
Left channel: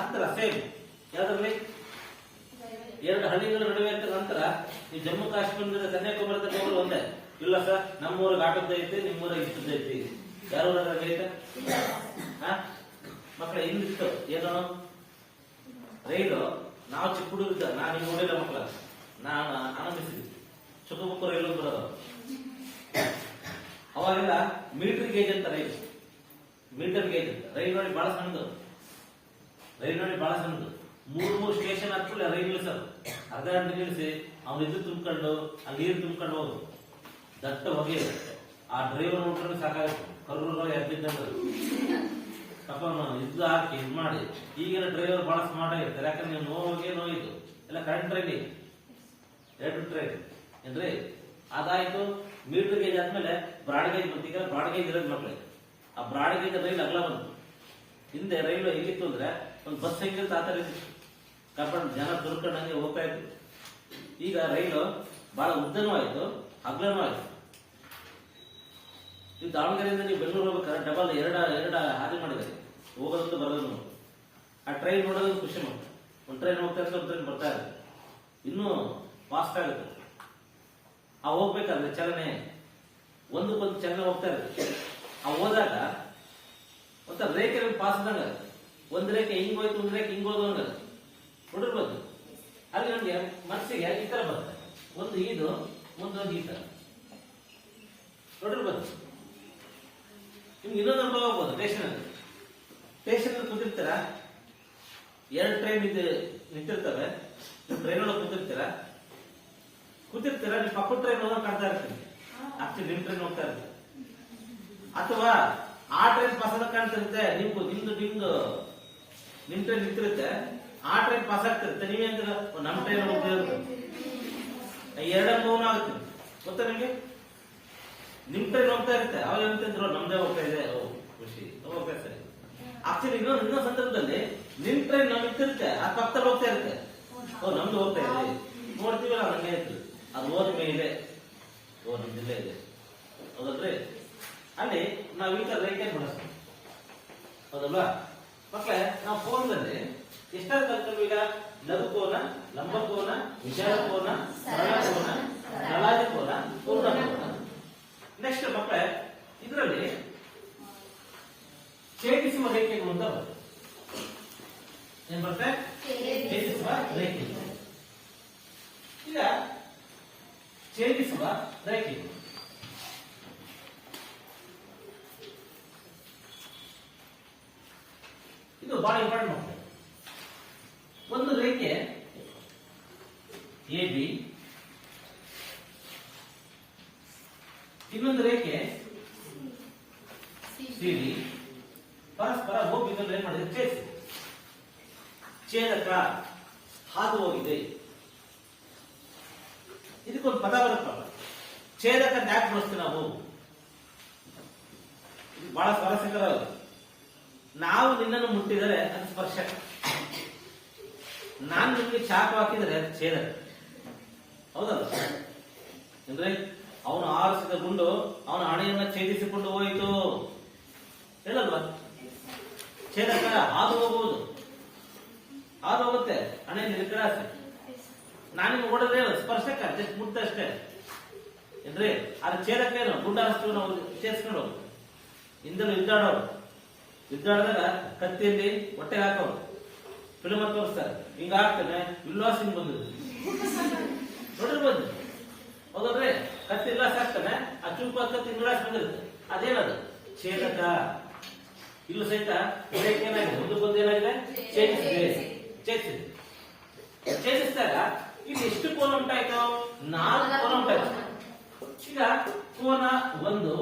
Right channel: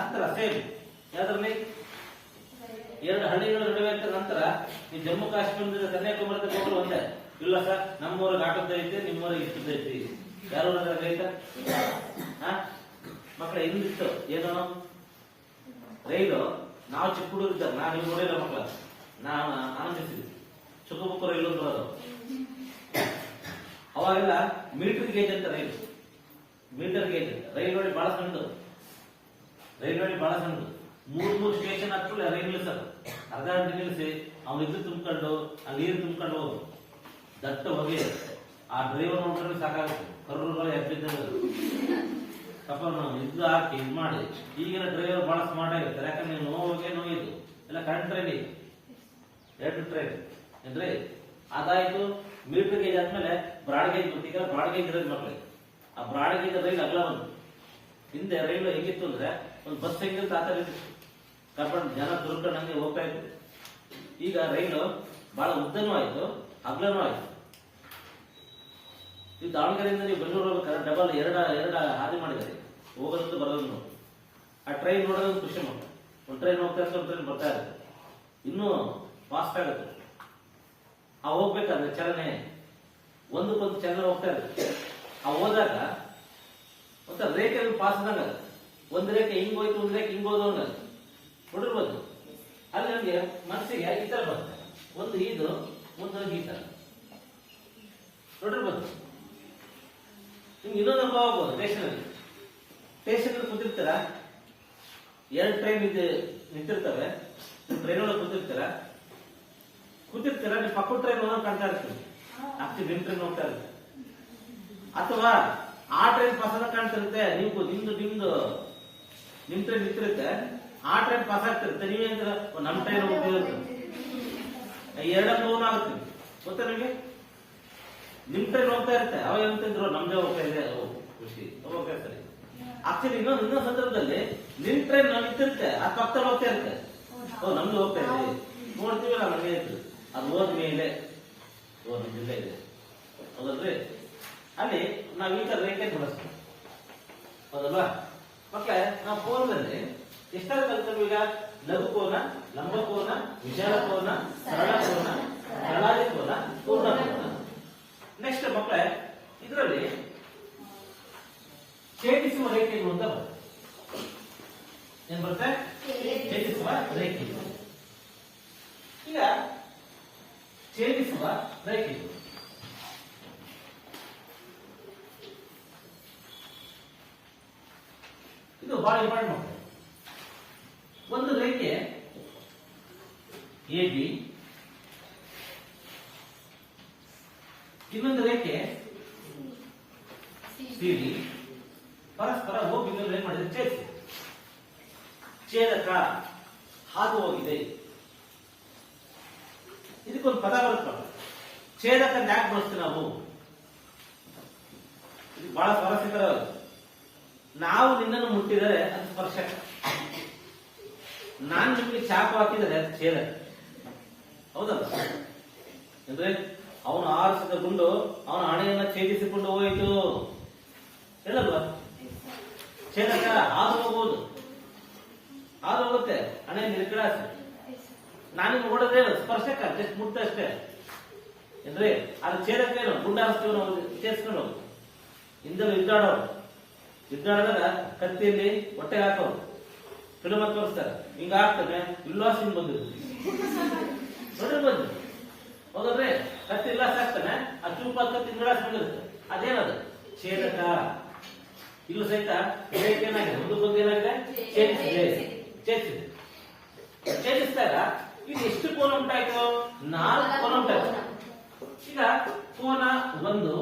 ಅಂತರ ಸೇಮ್ ಯಾವ್ದ್ರಲ್ಲಿ? 2 ಹಳ್ಳಿಗಳ ನಡುವೆ ಇದ್ದ ನಂತರ ಈ ಜಮ್ಮು ಕಾಶ್ಮೀರದಿಂದ ಕನ್ಯಾಕುಮಾರಿ ಹೋಗಲು ಒಂದೇ. ಇಲ್ಲ ಸರ್, ನಮ್ಮೂರಿಗೆ ಆಟೋದೈತಿ, ನಿಮ್ಮೂರಿಗೆ ಇಷ್ಟದೈತಿ. ಯಾರು ಐತ ಮಕ್ಕಳ ಹಿಂದಿತ್ತು ಏನೋ ರೈಲು. ನಾವು ಚಿಕ್ಕ ಹುಡುಗಿದ್ದ, ನಾನು ನೋಡಿಲ್ಲ ಮಕ್ಕಳ, ನಾನು ಆನಂದಿಸಿದ್ವಿ. ಚಿಕ್ಕ ಬುಕ್ಕ ರೈಲು ಬರೋದು. ಅವಾಗೆಲ್ಲ ಮೀಟರ್ ಗೇಜ್ ಅಂತ ರೈಲು, ಮೀಟರ್ ಗೇಜ್ ರೈಲು ನೋಡಿ ಬಹಳ ಸಣ್ಣದು. 3 ಸ್ಟೇಷನ್ ಹಾಕ್ಬಿಟ್ಟು ರೈಲು ನಿಲ್ಲಿಸೋದು. ಅರ್ಧ ಗಂಟೆ ನಿಲ್ಲಿಸಿ ಅವ್ನು ಇದು ತುಂಬಿಕೊಂಡು ಅಲ್ಲಿ ನೀರು ತುಂಬಿಕೊಂಡು ಹೋಗೋದು. ದಟ್ಟ ಹೊಗೆ. ಆ ಡ್ರೈವರ್ ನೋಡಿದ್ರೆ ಸಾಕಾಗುತ್ತೆ, ಕರ್ರು ಎಬ್ಬಿದ್ದಂಗೆ ಪಾಪ ಇದು ಹಾಕಿ ಇದು ಮಾಡಿ. ಈಗಿನ ಡ್ರೈವರ್ ಬಹಳ ಸ್ಮಾರ್ಟ್ ಆಗಿರ್ತಾರೆ, ಯಾಕಂದ್ರೆ ನೀವು ನೋವಿದ್ದು ಎಲ್ಲ ಕರೆಂಟ್ ಟ್ರೈನ್, ಎಲೆಕ್ಟ್ರಿಕ್ ಟ್ರೈನ್ ಏನ್ರಿ? ಅದಾಯ್ತು. ಮೀಟರ್ ಗೇಜ್ ಆದ್ಮೇಲೆ ಬ್ರಾಡ್ ಗೇಜ್ ಬಂತು. ಈಗ ಬ್ರಾಡ್ ಗೇಜ್ ಇರೋದು ಮಕ್ಕಳಿಗೆ. ಆ ಬ್ರಾಡ್ ಗೇಜ್ ರೈಲ್ ಅಗಲ ಬಂತು. ಹಿಂದೆ ರೈಲು ಹೆಂಗಿತ್ತು ಅಂದ್ರೆ ಒಂದು ಬಸ್ ಹೆಂಗಿರುತ್ತೆ ಆ ತರ ಇತ್ತು, ಕರ್ಕೊಂಡು ಜನ ದುರ್ಕೊಂಡು ಹಂಗೆ ಹೋಗ್ತಾ ಇತ್ತು. ಈಗ ರೈಲು ಬಹಳ ಉದ್ದನೂ ಆಯ್ತು, ಅಗಲನೂ ಆಯ್ತು. ಈ ದಾವಣಗೆರೆಯಿಂದ ನೀವು ಬೆಂಗಳೂರು ಹೋಗ್ಬೇಕಾದ್ರೆ ಡಬಲ್ ಎರಡು ಹಾದಿ ಮಾಡಿದ್ದಾರೆ, ಹೋಗೋದು ಬರೋದು. ಆ ಟ್ರೈನ್ ನೋಡೋದು ಖುಷಿ ಮಾಡ. ಒಂದು ಟ್ರೈನ್ ಹೋಗ್ತಾ ಇರುತ್ತೆ, ಒಂದು ಟ್ರೈನ್ ಬರ್ತಾ ಇರುತ್ತೆ, ಇನ್ನೂ ಫಾಸ್ಟ್ ಆಗುತ್ತೆ. ಆ ಹೋಗ್ಬೇಕಾದ್ರೆ ಚಲನೆ ಒಂದಕ್ಕೊಂದು ಚಲನೆ ಹೋಗ್ತಾ ಇರುತ್ತೆ. ಆ ಹೋದಾಗ ಒಂಥರ ರೇಖೆ ಪಾಸ್ ಆದಂಗ, ಒಂದು ರೇಖೆ ಹಿಂಗ್ ಹೋಯ್ತು, ಒಂದು ರೇಖೆ ಹಿಂಗ್ ಹೋದಂಗ ನೋಡಿರ್ಬೋದು. ಅಲ್ಲಿ ನಮ್ಗೆ ಮನಸ್ಸಿಗೆ ಈ ತರ ಬರುತ್ತೆ, ಒಂದು ಇದು ಮುಂದೊಂದು ಈ ತರ ನೋಡಿರ್ಬೋದು. ನಿಮ್ಗೆ ಇನ್ನೊಂದು ಅನುಭವ ಆಗ್ಬೋದು. ಸ್ಟೇಷನ್ ಕೂತಿರ್ತೀರ, 2 ಟ್ರೈನ್ ನಿಂತಿರ್ತವೆ, ನೀವು ಟ್ರೈನ್ ಒಳಗೆ ಕೂತಿರ್ತೀರ, ನೀವು ಪಕ್ಕದ ಟ್ರೈನ್ ಹೋಗೋದು ಕಾಣ್ತಾ ಇರ್ತೀವಿ. ಆಕ್ಚುಲಿ ನಿಮ್ ಟ್ರೈನ್ ಹೋಗ್ತಾ ಇರುತ್ತೆ, ಅಥವಾ ಆ ಟ್ರೈನ್ ಪಾಸ್ ಆದಾಗ ಕಾಣ್ತಿರುತ್ತೆ. ನಿಮ್ ಟ್ರೈನ್ ನಿಂತಿರುತ್ತೆ, ಆ ಟ್ರೈನ್ ಪಾಸ್ ಆಗ್ತಿರುತ್ತೆ. ನೀವೇ ಅಂದ್ರೆ ನಮ್ ಟ್ರೈನ್ ಹೋಗ್ತಿರುತ್ತೆ, 2 ಅನುಭವನ ಆಗುತ್ತೆ. ಗೊತ್ತಾ ನಿಮ್ಗೆ? ನಿಮ್ ಟ್ರೈನ್ ಹೋಗ್ತಾ ಇರುತ್ತೆ, ಅವಾಗ ಎಂತಿದ್ರು ನಮ್ದೇ ಹೋಗ್ತಾ ಇದೆ, ಖುಷಿ ಹೋಗ್ತಾ ಸರಿ. ಆಕ್ಚುಲಿ ಇನ್ನೊಂದು ಸಂದರ್ಭದಲ್ಲಿ ನಿನ್ ಟ್ರೈನ್ ನಾವು ನಿಂತಿರುತ್ತೆ ಆ ಪಕ್ಕದಲ್ಲಿ ಹೋಗ್ತಾ ಇರುತ್ತೆ. ನಮ್ದು ಹೋಗ್ತಾ ಇದೆ ನೋಡ್ತೀವಲ್ಲ ನಮಗೆ ಇರ್ತದೆ ಅದು ಹೋದ್ಮೇಲೆ ನಮ್ದಿಲ್ಲ ಇದೆ ಹೌದಲ್ರಿ. ಅಲ್ಲಿ ನಾವು ಈಗ ರೇಖೆ ಬಳಸ್ತೀವಿ ಹೌದಲ್ವಾ ಮಕ್ಕಳೇ. ನಾವು ಕೋನದಲ್ಲಿ ಎಷ್ಟಾದ್ರು ಕಲ್ತ್ಕೊಂಡು ಈಗ ಲಘುಕೋನ, ಲಂಬಕೋನ, ವಿಶಾಲ ಕೋನ, ಸರಳ ಕೋನ, ಸರಳಾದಿ ಕೋನ, ಪೂರ್ಣ ಕೋನ. ನೆಕ್ಸ್ಟ್ ಮಕ್ಕಳೇ ಇದರಲ್ಲಿ ಛೇದಿಸುವ ರೇಖೆಗಳು ಅಂತ ಬರುತ್ತೆ. ಏನ್ ಬರುತ್ತೆ? ಛೇದಿಸುವ ರೇಖೆಗಳು. ಈಗ ಛೇದಿಸುವ ರೇಖೆಗಳು ಇದು ಬಹಳ ಇಂಪಾರ್ಟೆಂಟ್ ಮಾಡ್ತಾರೆ. ಒಂದು ರೇಖೆ ಎ ಬಿ, ಇನ್ನೊಂದು ರೇಖೆ ಸಿ ಡಿ ಪರಸ್ಪರ ಹೋಗಿ ಏನ್ ಮಾಡಿದ್ರೆ ಛೇದಿಸಿ ಛೇದಕ ಹಾದು ಹೋಗಿದೆ. ಇದಕ್ಕೊಂದು ಪದ ಬರುತ್ತಲ್ಲ ಛೇದಕ ಯಾಕೆ ಬಳಸ್ತೀವಿ ನಾವು? ಇದು ಬಹಳ ಸ್ವಾರಸ್ಯಕರ. ನಾವು ನಿನ್ನನ್ನು ಮುಟ್ಟಿದರೆ ಅದು ಸ್ಪರ್ಶ, ನಾನು ನಿಮ್ಗೆ ಚಾಕು ಹಾಕಿದರೆ ಅದು ಛೇದಕ. ಹೌದಲ್ಲ ಅಂದ್ರೆ ಅವನು ಆರಿಸಿದ ಗುಂಡು ಅವನ ಹಣೆಯನ್ನ ಛೇದಿಸಿಕೊಂಡು ಹೋಯಿತು ಹೇಳಲ್ವಾ? ಛೇದಕ ಹಾದು ಹೋಗುವುದು, ಹಾದು ಹೋಗುತ್ತೆ ಹಣೆಯಿಂದ ಈ ಕಡೆ ಅಷ್ಟೇ. ನಾನಿನ್ನು ಓಡಿದ್ರೆ ಸ್ಪರ್ಶಕ ಜಸ್ಟ್ ಮುಟ್ಟ ಅಷ್ಟೇ ಅಂದ್ರೆ ಅದು ಛೇದಕ ಏನು? ಗುಂಡ ಹಾರಿಸ್ತೀವಿ ನಾವು ಛೇದಿಸ್ಕೊಂಡು ಹೋಗುದು. ಹಿಂದೆಲ್ಲ ಯುದ್ಧಾಡಿದಾಗ ಕತ್ತಿಯಲ್ಲಿ ಹೊಟ್ಟೆ ಹಾಕೋರು ಫಿಲ್ಮ್ ತೋರಿಸ್ತಾರೆ. ಹಿಂಗ ಆಗ್ತಾನೆ ಉಲ್ಲಾಸ ಹಿಂಗ್ ಬಂದಿದ್ದು ನೋಡಿರ್ಬೋದು ಹೌದಲ್ರಿ. ಕತ್ತಿ ಉಲ್ಲಾಸ ಆಗ್ತಾನೆ ಆ ಚೂಪ ಕತ್ತಿ ಉಲ್ಲಾಸ ಬಂದಿರುತ್ತೆ. ಅದೇನದು? ಛೇದಕ. ಇಲ್ಲೂ ಸಹಿತ ಏನಾಗಿದೆ? ಒಂದು ಏನಾಗಿದೆ? ಛೇದಿಸಿದಾಗ ಇಲ್ಲಿ ಎಷ್ಟು ಕೋನ ಉಂಟಾಯ್ತು? 4 ಕೋನ ಉಂಟಾಯ್ತು. ಈಗ ಕೋನ 1,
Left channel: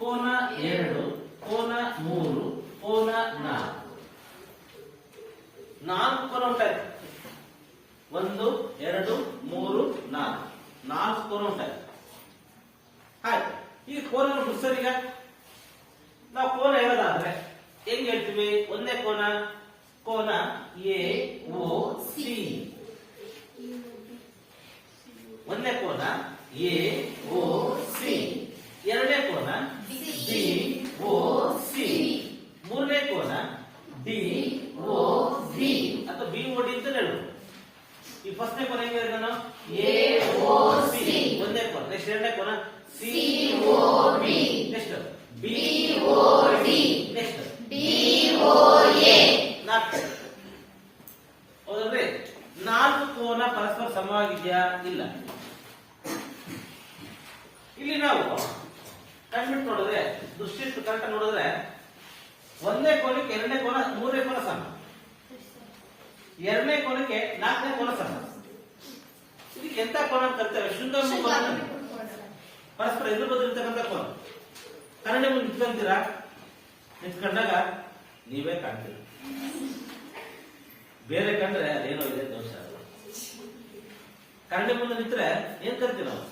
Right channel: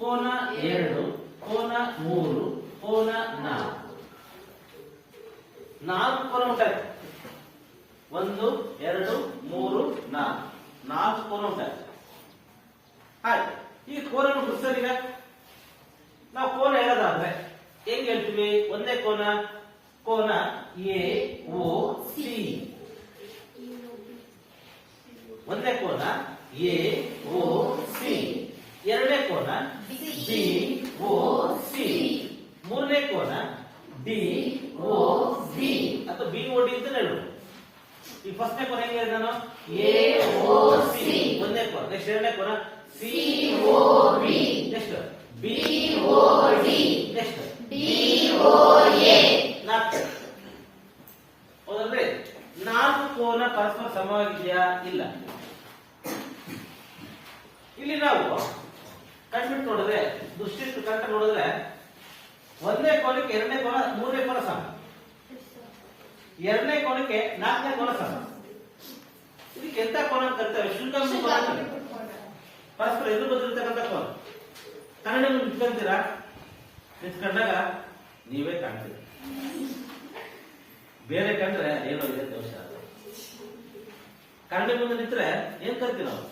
ಕೋನ 2, ಕೋನ 3, ಕೋನ 4 ಕೋನ ಉಂಟಾಯ್ತು. 1, 2, 3, 4 ಕೋನ ಉಂಟಾಯ್ತು. ಆಯ್ತು. ಈ ಕೋನ ಬಿಡಿಸೋದೀಗ ನಾವು ಕೋನ ಹೇಳೋದಾದ್ರೆ ಹೆಂಗ್ ಹೇಳ್ತೀವಿ? ಒಂದೇ ಕೋನ ಎ ಓ ಸಿ. ಒಂದೇ ಕೋನ ಎ ಓ ಸಿ, ಎರಡನೇ ಕೋನ ಡಿ ಓ ಸಿ, ಮೂರನೇ ಕೋನ ಡಿ ಓ ಬಿ ಅಥವಾ ಬಿ ಓ ಡಿ ಅಂತ ಹೇಳು. ಈ ಫಸ್ಟ್ನೇ ಕೋನ ಹೆಂಗೆ ನಾನು? ಎ ಓ ಸಿ ಒಂದೇ ಕೋನ. ನೆಕ್ಸ್ಟ್ ಎರಡನೇ ಕೋನ C O B, next B O D, next D O A. 4 ಹೌದಲ್ರಿ? 4 ಕೋನ ಪರಸ್ಪರ ಸಮವಾಗಿದೆಯಾ? ಇಲ್ಲ. ಇಲ್ಲಿ ನಾವು ಕಣ್ಬಿಟ್ಟು ನೋಡಿದ್ರೆ ದೃಷ್ಟಿ ಕರೆಕ್ಟ್ ನೋಡಿದ್ರೆ ಒಂದನೇ ಕೋನಕ್ಕೆ ಎರಡನೇ ಕೋನ, ಮೂರನೇ ಕೋನ ಸಮ, ಎರಡನೇ ಕೋನಕ್ಕೆ 4ನೇ ಕೋನ ಸಮ. ಇದಕ್ಕೆ ಎಂತ ಕೋನ ಕಲ್ತೇವೆ? ಶುದ್ಧ ಕೋನ, ಪರಸ್ಪರ ಎದುರು ಬದಿರ್ತಕ್ಕಂಥ ಕೋನ. ಕನ್ನಡ ನಿಂತ್ಕೊಂತೀರಾ? ನಿಂತ್ಕೊಂಡಾಗ ನೀವೇ ಕಾಣ್ತೀರಿ, ಬೇರೆ ಕಂಡ್ರೆ ಏನೋ ಇದೆ ದೋಷ. ಕನ್ನಡ ಮುಂದೆ ನಿಂತ್ರೆ ಏನ್ ಕರಿತೀವಿ ನಾವು?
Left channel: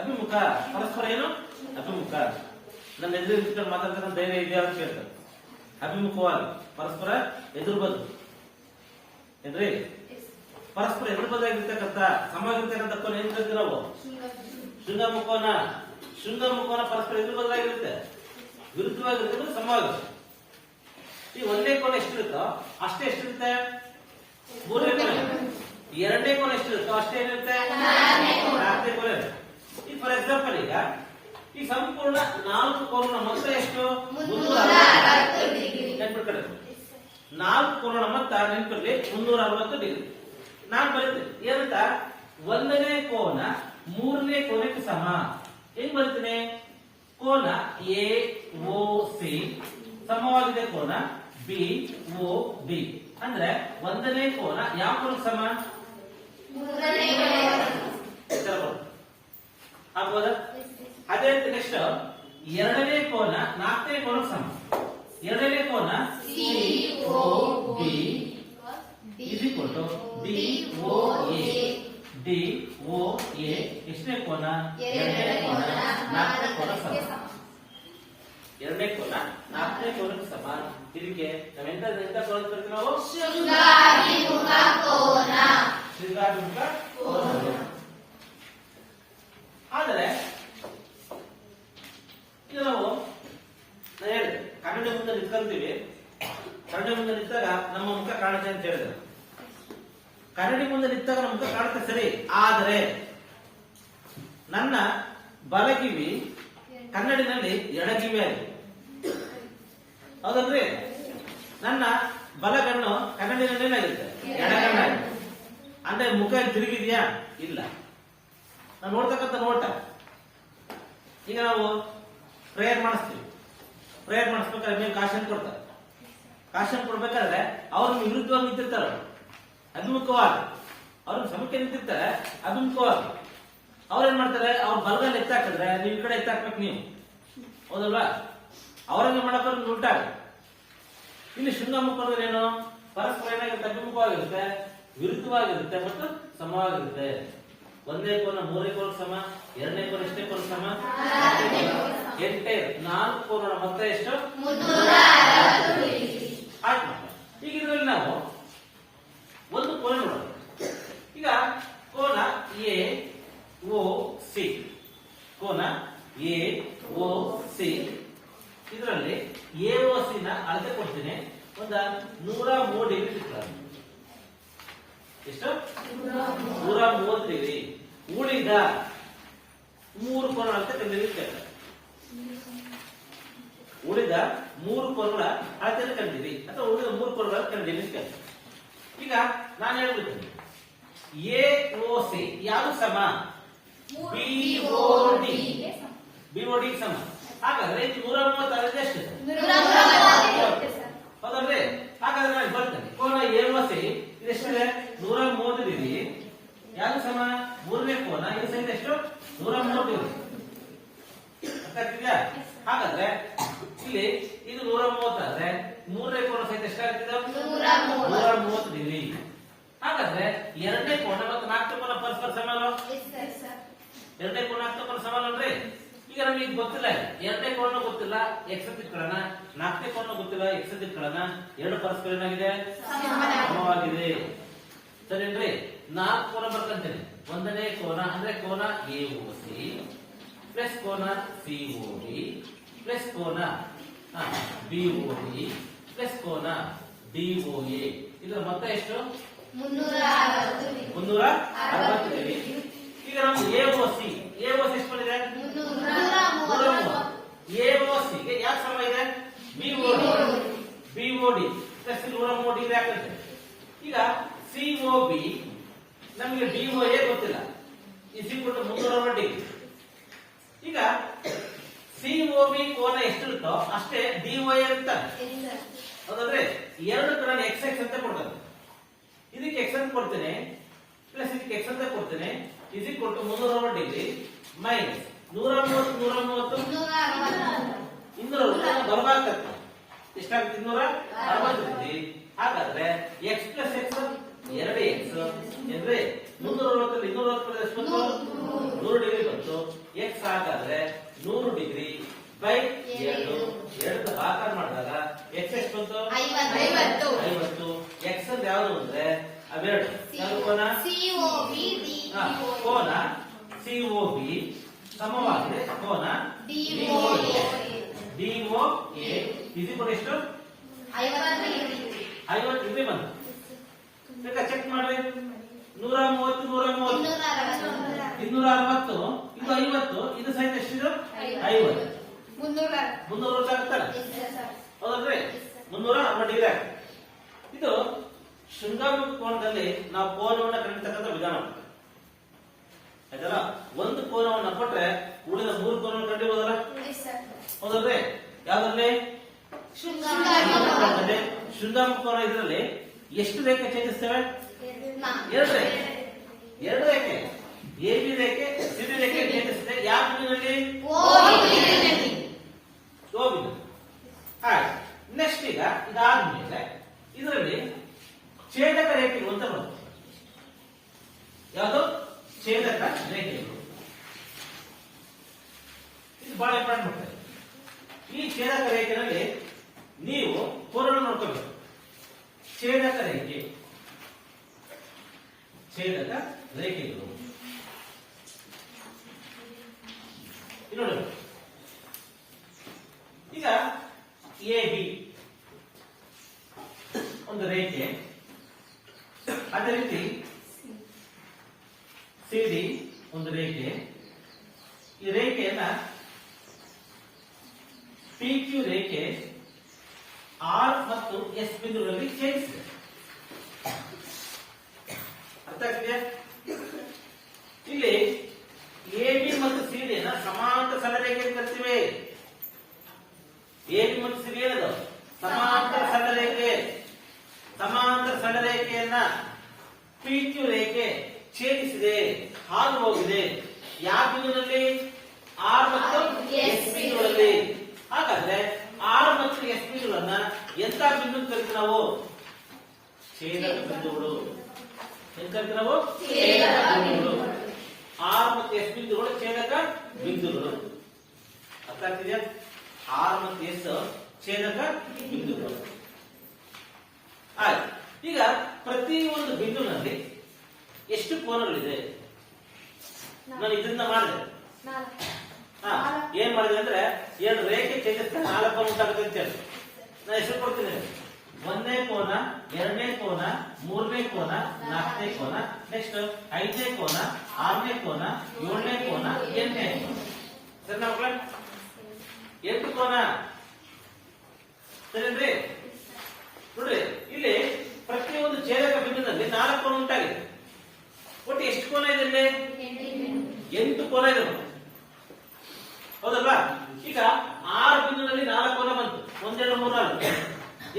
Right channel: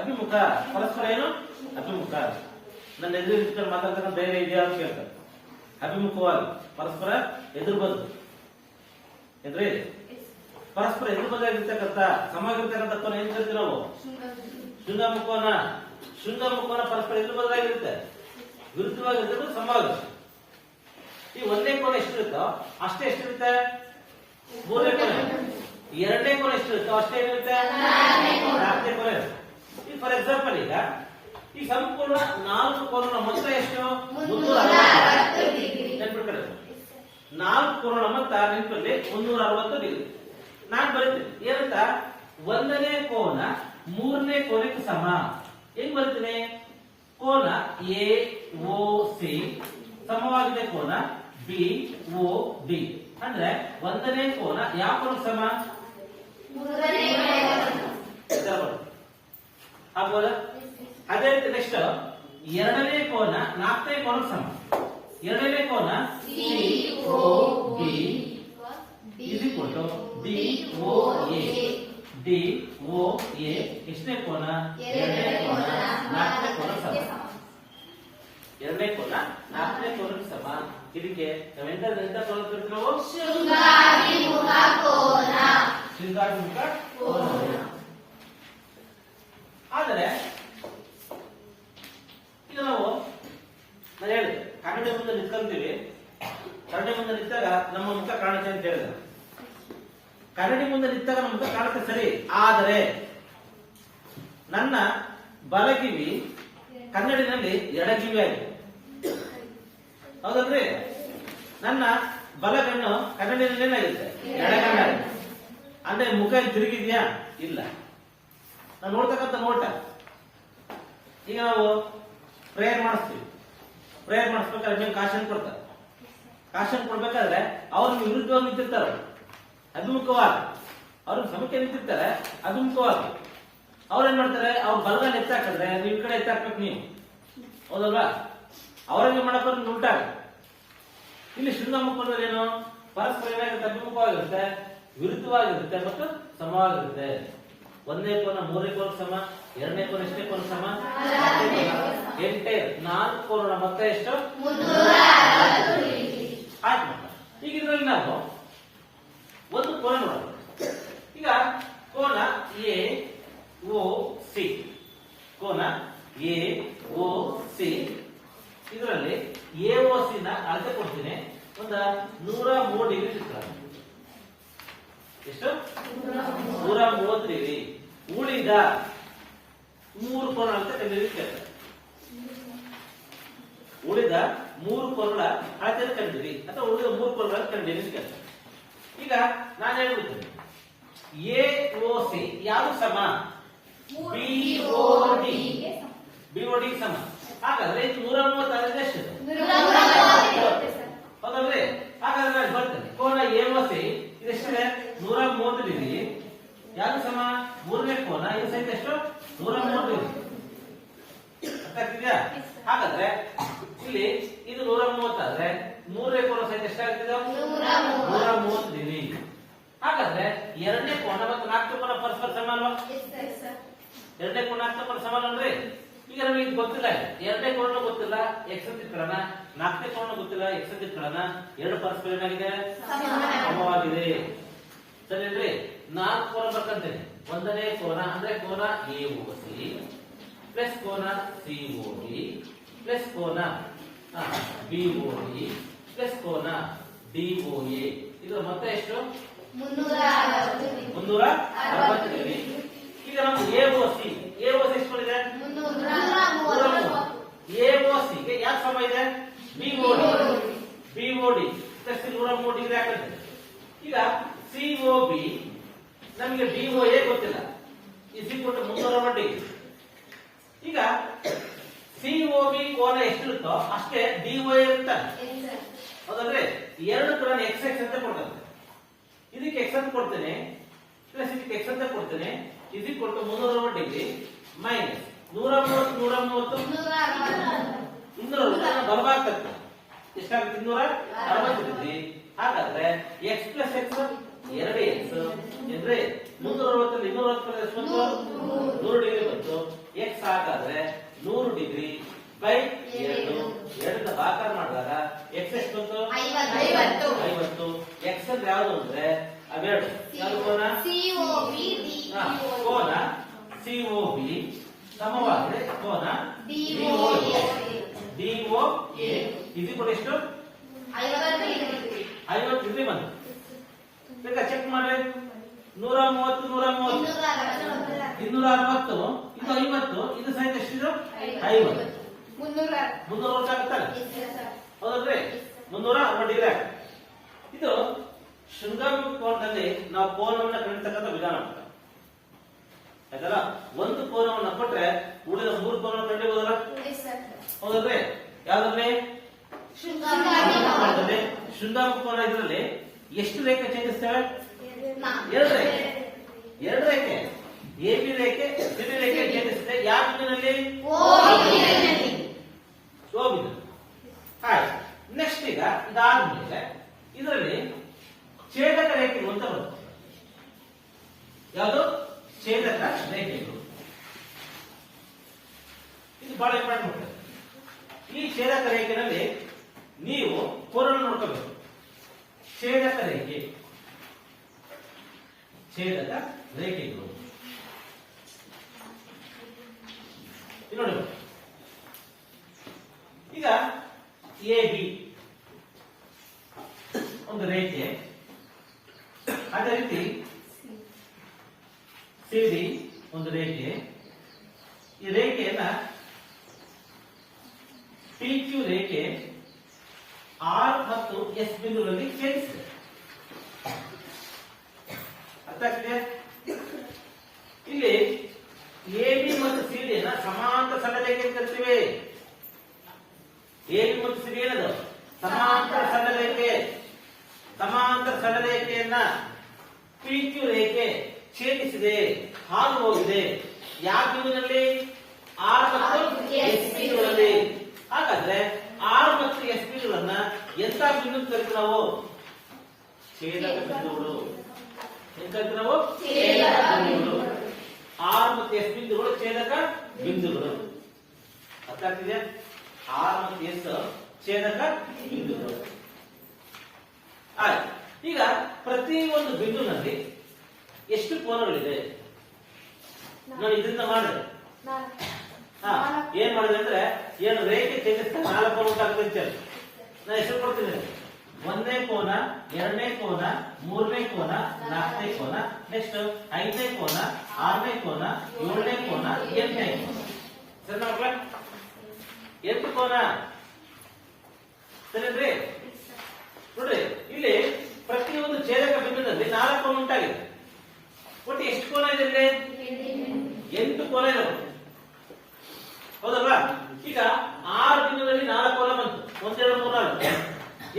ಅಭಿಮುಖ. ಪರಸ್ಪರ ಏನು? ಅಭಿಮುಖ. ನನ್ನ ಎದುರು ನಿಂತ್ಕೊಂಡು ಮಾತಾಡ್ತಕ್ಕಂಥ ಧೈರ್ಯ ಇದೆಯಾ ಅಂತ ಕೇಳ್ತಾರೆ. ಅಭಿಮುಖವಾಗಿ ಪರಸ್ಪರ ಎದುರು ಬದ್ದು ಎದ್ರಿ ಪರಸ್ಪರ ಎದುರು ಬದ್ದಾಗಿರ್ತಕ್ಕಂಥ ಸಮವಾಗಿರ್ತಕ್ಕಂಥ ಕೋನ ಏನ್ ಕರಿತೀವಿ ನಾವು? ಶೃಂಗಮುಖೋನ. ಶೃಂಗಮುಖೋನ ಪರಸ್ಪರ ಎದುರು ಬದ್ದಾಗಿರುತ್ತೆ, ವಿರುದ್ಧವಾಗಿರ್ತಕ್ಕಂಥ ಸಮವಾಗುತ್ತೆ. ಈ ಒಂದೇ ಕೋನ ಎಷ್ಟಿರುತ್ತೋ ಅಷ್ಟೇ ಎಷ್ಟಿರುತ್ತೆ? ಮೂರನೇ ಕೋನ. ಎರಡನೇ ಕೋನ ಎಷ್ಟಿರುತ್ತೋ ಅಷ್ಟೇ ಏನಿರುತ್ತೆ? 4ನೇ ಕೋನ. ಈಗ ಫಾರ್ ಎಕ್ಸಾಂಪಲ್ ಈ ಸಂಪೂರ್ಣ 4 ಕೋನ ಮೊತ್ತ ಎಷ್ಟು? 360 ನೆನ್ಪಿಟ್ಕೊಳ್ಳಿ. 4 ಕೋನ ಮೊತ್ತ ನೆನ್ಪಿರ್ಲಿ 360 ಡಿಗ್ರಿ. ನಾನು ಬರೀತೀನಿ ಏನಂತ? 1ನೇ ಕೋನ 3ನೇ ಕೋನಕ್ಕೆ ಸಮ. ಹೆಂಗ್ ಬರೀತೀನಿ? ಕೋನ ಎ ಓ ಸಿ ಸಮವಾಗಿದೆ ಕೋನ ಬಿ ಓ ಡಿ. ಅಂದ್ರೆ 1ನೇ ಕೋನ ಯಾವ ಕೋನ ಸಮ? ಆಗ್ಬೋದಾ? ಅದೇ ರೀತಿ ನೆಕ್ಸ್ಟ್ 2ನೇ ಕೋನ 4ನೇ ಕೋನ ಸಮ. 2ನೇ ಕೋನ C O B is equal to D O A. D O A ಎಷ್ಟನೇ ಕೋನ? 2ನೇ ಕೋನ 4ನೇ ಕೋನ ಸಮ. ಎರಡನೇ ಕೋನ ನಾಲ್ಕನೇ ಕೋನಕ್ಕೆ ಸಮ. ಇದಕ್ಕೆ ನಾವೆಂತ ಕೋನ ಕರಿತೀವಿ ನಾವು? ಶೃಂಗಾಭಿಮುಖ ಕೋನ. ಶೃಂಗಾಭಿಮುಖ ಕೋನ. ಆದರೆ ಈಗ ನಾವು ನಾನು ಹೇಳಿದೆ ಕನ್ನಡಿ ಮುಂದೆ ನಿಂತ್ಕೊಂತೀವಿ. ಕನ್ನಡಿ ಮುಂದೆ ನಿಂತಾಗ ನಮ್ಮ ಮುಖ ಕಾಣುತ್ತೆ ಅಂತ ಹೇಳಿದ್ರೆ, ಕನ್ನಡಿ ಮುಂದೆ ನಿಂತಾಗ ನಮ್ಮ ಮುಖ ಕಾಣುತ್ತೆ ಸರಿ. ಆದರೆ ನನ್ನ ಬಲಕಿವಿ ಕನ್ನಡಿನಲ್ಲಿ ಎಡಕಿವಿ ಆಗಿದೆ, ಹೌದಲ್ರಿ? ನನ್ನ ಬಲಗಣ್ಣು ಕನ್ನಡಿನಲ್ಲಿ ಆಗಿದೆ, ಎಡಗಣ್ಣಾಗಿದೆ. ಅಂದ್ರೆ ಮುಖ ತಿರುಗಿದ್ಯಾ? ಇಲ್ಲ. ನಾವು ನೋಡ್ತಕ್ಕಂಥ ನೋಟ. ಈಗ ನಾವು ಪ್ರೇಯರ್ ಮಾಡಿಸ್ತೀವಿ. ಪ್ರೇಯರ್ ಮಾಡಿಸ್ಬೇಕಾದ್ರೆ ನೀವು ಕಾಶನ್ ಕೊಡ್ತಾರೆ. ಕಾಶನ್ ಕೊಡ್ಬೇಕಾದ್ರೆ ಅವ್ರನ್ನ ವಿರುದ್ಧವಾಗಿ ನಿಂತಿರ್ತಾರೆ, ಅಭಿಮುಖವಾಗಿ. ಅವ್ರಿಗೆ ಸಮಕ್ಕೆ ನಿಂತಿರ್ತಾರೆ ಅಭಿಮುಖವಾಗಿ. ಅವ್ರೇನ್ ಮಾಡ್ತಾರೆ? ಅವ್ರ ಬಲಗಲ್ಲಿ ಎತ್ತಾಕಿದ್ರೆ ನೀವು ಈ ಕಡೆ ಎತ್ತಾಕ್ಬೇಕು ನೀವು, ಹೌದಲ್ವಾ? ಅವ್ರಂಗೆ ಮಾಡಕ್ಕೆ ಉಲ್ಟಾಗ. ಇಲ್ಲಿ ಶೃಂಗಾಮುಖ ಅಂದ್ರೆ ಏನು? ಪರಸ್ಪರ ಏನಾಗುತ್ತೆ? ಅಭಿಮುಖವಾಗಿರುತ್ತೆ, ವಿರುದ್ಧವಾಗಿರುತ್ತೆ ಮತ್ತು ಸಮವಾಗಿರುತ್ತೆ. ಒಂದನೇ ಕೋನ ಮೂರನೇ ಕೋನ ಸಮ, ಎರಡನೇ ಕೋನ ಎಷ್ಟೇ ಕೋನ ಸಮ? ಎಂಟೇ. ನಾಲ್ಕು ಕೋನ ಮೊತ್ತ ಎಷ್ಟು? ಆಯ್ತು. ಈಗ ಇದರಲ್ಲಿ ನಾವು ಒಂದು ಕೋನ ನೋಡೋಣ. ಈಗ ಕೋನ ಎ ಓ ಸಿ, ಕೋನ ಎ ಓ ಸಿ. ಇದರಲ್ಲಿ ಎ ಓ ಸಿ ನ ಅಳತೆ ಕೊಡ್ತೀನಿ. ಒಂದು 103 ಡಿಗ್ರಿ ಚಿತ್ರ. ಎಷ್ಟು? 130 ಡಿಗ್ರಿ. ಉಳಿದ 3 ಕೋನ ಅಳತೆ ಕಂಡಿದ್ದೀವಿ. ಉಳಿದ 3 ಕೋನಗಳ ಅಳತೆಯನ್ನು ಕಂಡಿದ್ದೀವಿ, ಅಥವಾ ಉಳಿದ 3 ಕೋನಗಳ ಕಂಡಿದ್ದೀವಿ. ಈಗ ನಾನು ಹೇಳ್ಬಿಡ್ತೀನಿ, ಎ ಓ ಸಿ ಯಾವುದು ಸಮ? ಬಿಒಡಿ. ಬಿಒಡಿ ಸಮ. ಹಾಗಾದ್ರೆ ಇದು 136 ಎಷ್ಟು? ಹೌದಲ್ರಿ? ಹಾಗಾದ್ರೆ ನಾನು ಬರ್ತೇನೆ. ಕೋನ ಎ ಓ ಸಿ ಇದೆಷ್ಟಿದೆ? 130 ಡಿಗ್ರಿ. ಯಾವುದು ಸಮ? ಮೂರನೇ ಕೋನ. ಇದು ಸಹಿತ ಎಷ್ಟು? 130 ಡಿಗ್ರಿ. ಅರ್ಥ ಆಗ್ತಿದ್ಯಾ? ಹಾಗಾದ್ರೆ ಇಲ್ಲಿ ಇದು 130 ಆದ್ರೆ ಮೂರನೇ ಕೋನ ಸಹಿತ ಎಷ್ಟಾಗ್ತದೆ? 130 ಡಿಗ್ರಿ. ಹಾಗಾದ್ರೆ ಎರಡನೇ ಕೋನ ಮತ್ತು ನಾಲ್ಕನೇ ಕೋನ ಪರಸ್ಪರ ಸಮ ಅಲ್ವಾ? ಎರಡನೇ ಕೋನ ನಾಲ್ಕನೇ ಕೋನ ಸಮ ಅಲ್ರಿ? ಈಗ ನಮ್ಗೆ ಇದು ಗೊತ್ತಿಲ್ಲ. ಎರಡನೇ ಕೋನ ಗೊತ್ತಿಲ್ಲ, ಎಕ್ಸ್ ಅಂತ ಇಟ್ಕೊಳ್ಳೋಣ. ನಾಲ್ಕನೇ ಕೋನ ಗೊತ್ತಿಲ್ಲ, ಎಕ್ಸ್ ಅಂತ ಇಟ್ಕೊಳ್ಳೋಣ. ಎರಡು ಪರಸ್ಪರ ಏನಾಗಿದೆ? ಸಮವಾಗಿದೆ. ಸರಿನ್ರಿ? 4 ಕೋನ ಬರ್ಕಂತೇನೆ. ಒಂದನೇ ಕೋನ ಅಂದ್ರೆ ಕೋನ ಎ ಓ ಸಿ ಪ್ಲಸ್ ಕೋನ ಸಿ ಓ ಡಿ ಪ್ಲಸ್ ಕೋನ ಬಿ ಓ ಡಿ ಪ್ಲಸ್ ಕೋನ ಡಿ ಓ ಎ. ಇದರ ಮೊತ್ತ ಎಷ್ಟು? 360 ಡಿಗ್ರಿ. ಈಗ ನಮ್ಗೆ ಎ ಓ ಸಿ ಎಷ್ಟು ಬಂದಿದೆ? 330. ಎ ಓ ಸಿ ಗೆ ಯಾಕೆ ಸಮ ಇದೆ? B O D plus 130 degree ಆಗ್ತದೆ. ಈಗ ಸಿ ಓ ಬಿ ನಮಗೆ ಡಿ ಓ ಎ ಗೊತ್ತಿಲ್ಲ, ಇಸ್ ಈಕ್ವಲ್ ಟು 360 ಡಿಗ್ರಿ. ಈಗ ಸಿ ಓ ಬಿ ಕೋನ ಎಷ್ಟಿರುತ್ತೋ ಅಷ್ಟೇ ಡಿ ಓ ಎ ಇರ್ತಾರೆ, ಹೌದಂದ್ರೆ ಎರಡು ಕಡೆ ಎಕ್ಸ್ ಎಕ್ಸ್ ಅಂತ ಕೊಡ್ತಾರೆ. ಇದಕ್ಕೆ ಎಕ್ಸ್ ಅಂತ ಕೊಡ್ತೇನೆ, ಪ್ಲಸ್ ಇದಕ್ಕೆ ಎಕ್ಸ್ ಅಂತ ಕೊಡ್ತೇನೆ, is equal to 360 degree minus 130 260 ಬಲಭಾಗಕ್ಕೆ ಎಷ್ಟಾಗುತ್ತೆ? 260 ಡಿಗ್ರಿ. ಹಾಗಾದ್ರೆ ಎಕ್ಸ್ ಪ್ಲಸ್ ಎಕ್ಸ್ 2x ಅಂದ್ರೆ 360 260 ಎಷ್ಟು ಬಂತು? 100 ಡಿಗ್ರಿ ಬಂತು. ಎಕ್ಸ್ ಹಾಗಾದ್ರೆ 100 ಡಿಗ್ರಿ ಬೈ 2 ಭಾಗಾಕಾರ ಮಾಡಿದಾಗ ಎಕ್ಸ್ ಎಷ್ಟು ಬಂತು? 50. ಎಕ್ಸ್ ಅಂದ್ರೆ ಯಾವುದು ಅಂದ್ರೆ ಅವೆರಡು ಯಾವುದು? ಕೋನ ಕೋನ ಸಿಒಬಿ ಸಮವಾಗಿದೆ ಕೋನ ಡಿಒಎ. ಇದು ಕೂಡ ಎಷ್ಟು? 50 ಡಿಗ್ರಿ ಬಂತು. ಈಗ ಚೆಕ್ ಮಾಡ್ರಿ. 130 260 ಇದು 50. ಇದು ಸಹಿತ ಎಷ್ಟಿದೆ? 50. 360 ಆಗುತ್ತಲ್ಲ, ಹೌದಲ್ರಿ? 360 ಡಿಗ್ರಿ ಆಗುತ್ತೆ. ಇದು ಶೃಂಗಾಭಿಮುಖ ಕೋನದಲ್ಲಿ ನಾವು ಕೋನವನ್ನು ಕಂಡಿರ್ತಕ್ಕಂಥ ವಿಧಾನ ಆಗ್ತದೆ. ಆಯ್ತಲ್ಲ? ಒಂದು ಕೋನವನ್ನು ಕೊಟ್ರೆ ಉಳಿದ 3 ಕೋನವನ್ನು ಕಂಡಿಬೋದಲ್ಲ, ಹೌದಲ್ರಿ? ಯಾವ್ದ್ರಲ್ಲಿ? ಶೃಂಗಾಭಿಮುಖ ಕೋನ. ಇದರಲ್ಲಿ ಎಷ್ಟು ರೇಖೆ ಛೇದಿಸ್ತೇವೆ? 2 ರೇಖೆ. 2 ರೇಖೆ ಎ ಬಿ ರೇಖೆ ಸಿ ಬಿ ರೇಖೆ ಛೇದಿಸುತ್ತೆ. ಯಾವ ಬಿಂದುವಿನಲ್ಲಿ? ಓ ಬಿಂದು. ಆಯ್ತು. ನೆಕ್ಸ್ಟ್ ಈಗ ಇದಾದ್ಮೇಲೆ ಇದರಲ್ಲಿ ಛೇದಕ ರೇಖೆಗಳು ಅಂತ ಬರುತ್ತೆ. ಯಾವುದು? ಛೇದಕ ರೇಖೆಗಳು. ಇದು ಬಹಳ ಇಂಪಾರ್ಟೆಂಟ್. ಈ ಛೇದಕ ರೇಖೆಯಲ್ಲಿ ನೀವು ಕೋನನ್ನು ನೋಡ್ಕೋಬೇಕು. ಛೇದಕ ರೇಖೆ ಇದು ನೋಡಿ. ಈಗ ಎ ಬಿ ಒಂದು ರೇಖೆ, ಅದೇ ರೀತಿ ಸಿ ಡಿ ಒಂದು ರೇಖೆ. ಈ ರೇಖೆಯನ್ನ ಪಿ ಕ್ಯೂ ರೇಖೆ ಆರ್ ಮತ್ತು ಎಸ್ ಬಿಂದುಗಳಲ್ಲಿ ಛೇದಿಸಿದೆ. ಅರ್ಥ ಆಗ್ತಿದೆ? ಇಲ್ಲಿ ಎ ಬಿ ಮತ್ತು ಸಿ ಡಿ ಸಮಾಂತರ ಸರಳ ರೇಖೆ ಅಂತ ಕರಿತೀವಿ. ಎ ಬಿ ಮತ್ತು ಸಿ ಡಿ ಏನದು? ಸಮಾಂತರ ಸರಳ ರೇಖೆ. ಸಮಾಂತರ ಸರಳ ರೇಖೆಯನ್ನ ಪಿ ಕ್ಯೂ ರೇಖೆ ಛೇದಿಸಿದೆ, ಹಾದು ಹೋಗಿದೆ. ಯಾವ ಬಿಂದುವಿನಲ್ಲಿ? ಆರ್ ಮತ್ತು ಎಸ್ ಬಿಂದುಗಳಲ್ಲಿ. ಹಾಗಾದ್ರೆ ಆರ್ ಮತ್ತು ಎಸ್ ಬಿಂದುಗಳನ್ನ ಎಂತ ಬಿಂದು ಕರಿತೀವಿ ನಾವು? ಛೇದಕ ಬಿಂದುಗಳು. ಎಂತ ಕರಿತೀವಿ ನಾವು? ಛೇದಕ ಬಿಂದುಗಳು. ಆರ್ ಮತ್ತು ಎಸ್ ಬಿಂದುಗಳು ಛೇದಕ ಬಿಂದುಗಳು. ಅರ್ಥ ಆಗ್ತಿದೆಯಾ? ಆರ್ ಮತ್ತು ಎಸ್ ಛೇದಕ ಬಿಂದುಗಳು. ಆಯ್ತು. ಈಗ ಪ್ರತಿ ಒಂದು ಬಿಂದುವಿನಲ್ಲಿ ಎಷ್ಟು ಕೋನಗಳಿದೆ? ನಾನು ಇದನ್ನ ಮಾಡಿದೆ. ಏನ್ ಮಾಡಿದೆ ಅಂದ್ರೆ, ಏನು ರೇಖೆ ಛೇದಿಸ್ತಾ 4 ಕೋನ ಉಂಟಾಗುತ್ತೆ ಅಂತ ಹೇಳಿ ನಾನು ಹೆಸರು ಕೊಡ್ತೀನಿ. 1ನೇ ಕೋನ, 2ನೇ ಕೋನ, 3ನೇ ಕೋನ, 4ನೇ ಕೋನ, ನೆಕ್ಸ್ಟ್ 5ನೇ ಕೋನ, 6ನೇ ಕೋನ, 7ನೇ ಕೋನ, 8ನೇ ಕೋನ. ಸರಿ ಮಕ್ಕಳ, 8 ಕೋನ ಸರಿನ್ರಿ? ನೋಡ್ರಿ, ಇಲ್ಲಿ ಪ್ರತಿಯೊಂದು ಛೇದಕ ಬಿಂದುದಲ್ಲಿ 4 ಕೋನ ಉಂಟಾಗಿದೆ. ಒಟ್ಟು ಎಷ್ಟು ಕೋನ ಇದೆ ಇಲ್ಲಿ? 8 ಕೋನ ಇದೆ. ಹೌದಲ್ವಾ? ಈಗ ಆರ್ ಬಿಂದುವಿನಲ್ಲಿ 4 ಕೋನ ಬಂತು. 1 2 3 4.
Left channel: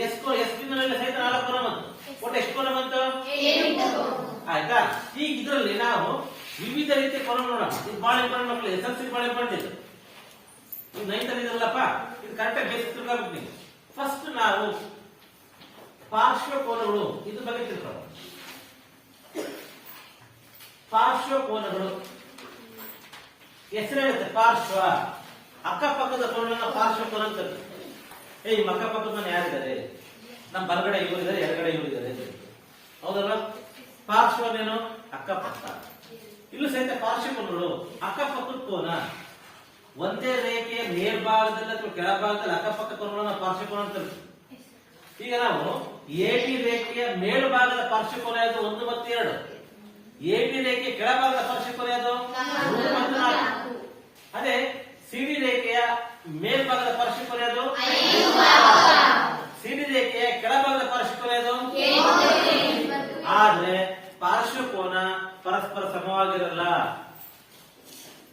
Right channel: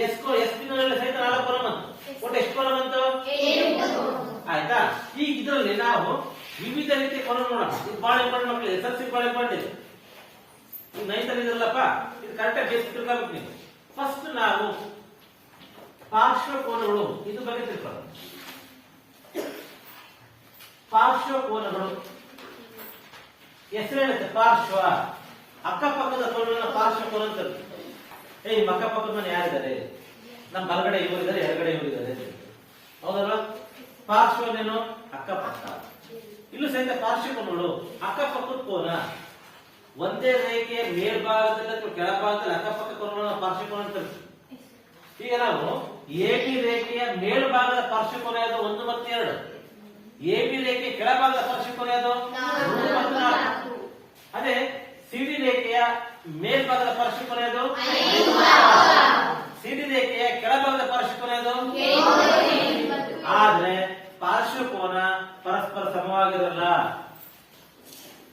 ಎಸ್ ಬಿಂದುವಿನಲ್ಲಿ ಸಹಿತ 4 ಕೋನ ಬಂತು. ಒಟ್ಟು ಎಷ್ಟು ಕೋನ ಬಂತು? 8. ಆಯ್ತಾ? ಈಗ ಇದರಲ್ಲಿ ನಾವು ವಿವಿಧ ರೀತಿಯ ಕೋನ ನೋಡೋಣ. ಇದು ಬಹಳ ಇಂಪಾರ್ಟೆಂಟ್ ಮಕ್ಕಳಿಗೆ, ಎಸ್ಎಲ್ಸಿ ಬಹಳ ಇಂಪಾರ್ಟೆಂಟ್ ಇದೆ. ನೀವು 9th ಅಲ್ಲಿ ಇದ್ರಲ್ಲಪ್ಪ, ಇದು ಕರೆಕ್ಟಾಗಿ ಬೇಸಿಕ್ ತಿಳ್ಕೊಬೇಕು ನೀವು. ಫಸ್ಟ್ ನಾವು ಪಾರ್ಶ್ವ ಕೋನಗಳು ಇದು ಬಗ್ಗೆ ತಿಳ್ಕೊಳ್ಳೋಣ. ಪಾರ್ಶ್ವ ಕೋನಗಳು ಹೆಸರು ಹೇಳುತ್ತೆ. ಪಾರ್ಶ್ವ ಅಕ್ಕಪಕ್ಕದ ಕೋನನ್ನ ಪಾರ್ಶ್ವ ಕೋನ ಅಂತ ಕರೀತಾರೆ. ಅಕ್ಕಪಕ್ಕದ ಯಾರಿದ್ದಾರೆ? ನಮ್ಮ ಬಲಗಡೆ ಇವರಿದ್ದಾರೆ, ಎಡಗಡೆ ಇವರಿದ್ದಾರೆ. ಹೌದಲ್ವಾ? ಪಾರ್ಶ್ವನೇನು? ಅಕ್ಕಪಕ್ಕ. ಇಲ್ಲೂ ಸಹಿತ ಪಾರ್ಶ್ವ ಕೋನಗಳು ಅಕ್ಕಪಕ್ಕದ ಕೋನ. ಒಂದೇ ರೇಖೆಯ ಮೇಲ್ಭಾಗದಲ್ಲಿ ಅಥವಾ ಕೆಳಭಾಗದಲ್ಲಿ ಅಕ್ಕಪಕ್ಕ ಕೋನಗಳನ್ನ ಪಾರ್ಶ್ವ ಕೋನ ಅಂತ ಕರೀತಾರೆ. ಈಗ ನಾವು ಎ ಬಿ ರೇಖೆಯ ಮೇಲ್ಭಾಗದ ಪಾರ್ಶ್ವ ಕೋನ ಯಾವುದು? 1 ಮತ್ತು 2. ಎ ಬಿ ರೇಖೆಯ ಕೆಳಭಾಗದ ಪಾರ್ಶ್ವ ಕೋನ ಯಾವುದು? 3 ಮತ್ತು 4. ಅದೇ ಸಿಡಿ ರೇಖೆಯ ಮೇಲ್ಭಾಗದ ಪಾರ್ಶ್ವ ಕೋನ ಯಾವುದು? ಸಿಡಿ ರೇಖೆಯ ಕೆಳಭಾಗದ ಪಾರ್ಶ್ವ ಕೋನ ಯಾವುದು? ಆದ್ರೆ ಪಾರ್ಶ್ವ ಕೋನ ಪರಸ್ಪರ ಸಮವಾಗಿರಲ್ಲ.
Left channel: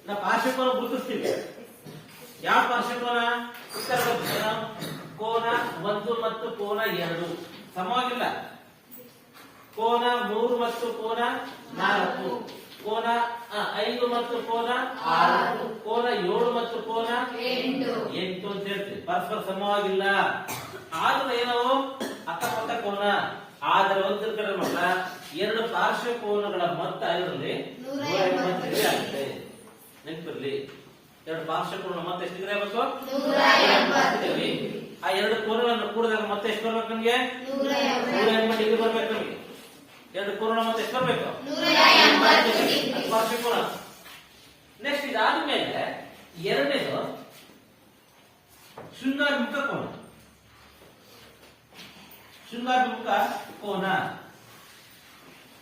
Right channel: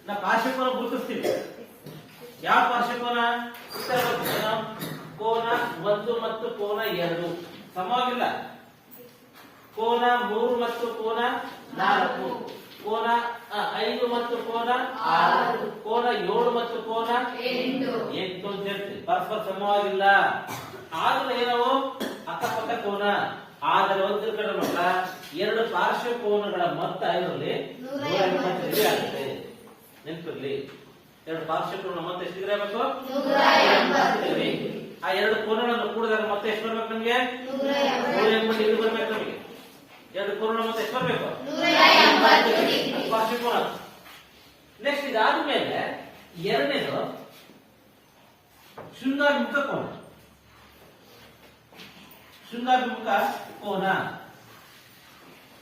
ನಾವು ಪಾರ್ಶ್ವ ಕೋನ ಗುರುತಿಸ್ತೀವಿ. ಯಾವ ಪಾರ್ಶ್ವ ಕೋನ? ಕೋನ 1 ಮತ್ತು ಕೋನ 2 ಸಮವಾಗಿಲ್ಲ. ಕೋನ 3 ಮತ್ತು ಕೋನ 4, ಕೋನ 5 ಮತ್ತು ಕೋನ 6, ಕೋನ 7 ಮತ್ತು ಕೋನ 8 ಅಂತ ಹೇಳ್ತೀವಿ. ಪರಸ್ಪರ ಸಮವಾಗಿಲ್ಲ. ಆದ್ರೆ ಏನವು? ಅಕ್ಕಪಕ್ಕ ಕೋನ. ಆದರೆ ಒಂದು ಕಡೆ ಮಟ್ಟ 2 ಪಾರ್ಶ್ವ ಕೋನಗಳ ಮೊತ್ತ ಇದರಲ್ಲಿ 180 ಡಿಗ್ರಿ ಆಗುತ್ತೆ. ನೆನಪಿರ್ಲಿ, 2 ಪಾರ್ಶ್ವ ಕೋನ ಮೊತ್ತ ಎಷ್ಟು ಡಿಗ್ರಿ ಆಗಬೇಕು? 180 ಡಿಗ್ರಿ. ಆ 2 ಕೋನಗಳನ್ನು ಕೂಡಿದಾಗ ಮತ್ತೆ ಎಷ್ಟು ಬರ್ಬೇಕು ನಮಗೆ? 180 ಡಿಗ್ರಿ ಬರ್ಬೇಕು ನಮಗೆ. 2 ಕೋನ ಮತ್ತೆ ಎಷ್ಟು ಬರಬೇಕು? 180 ಡಿಗ್ರಿ ಪಾರ್ಶ್ವ ಕೋನ. ನೆಕ್ಸ್ಟ್ ಇದಾದ್ಮೇಲೆ ಎರಡನೇದು ಶೃಂಗಾಭಿಮುಖ ಕೋನ. ಶೃಂಗಾಭಿಮುಖ ಕೋನ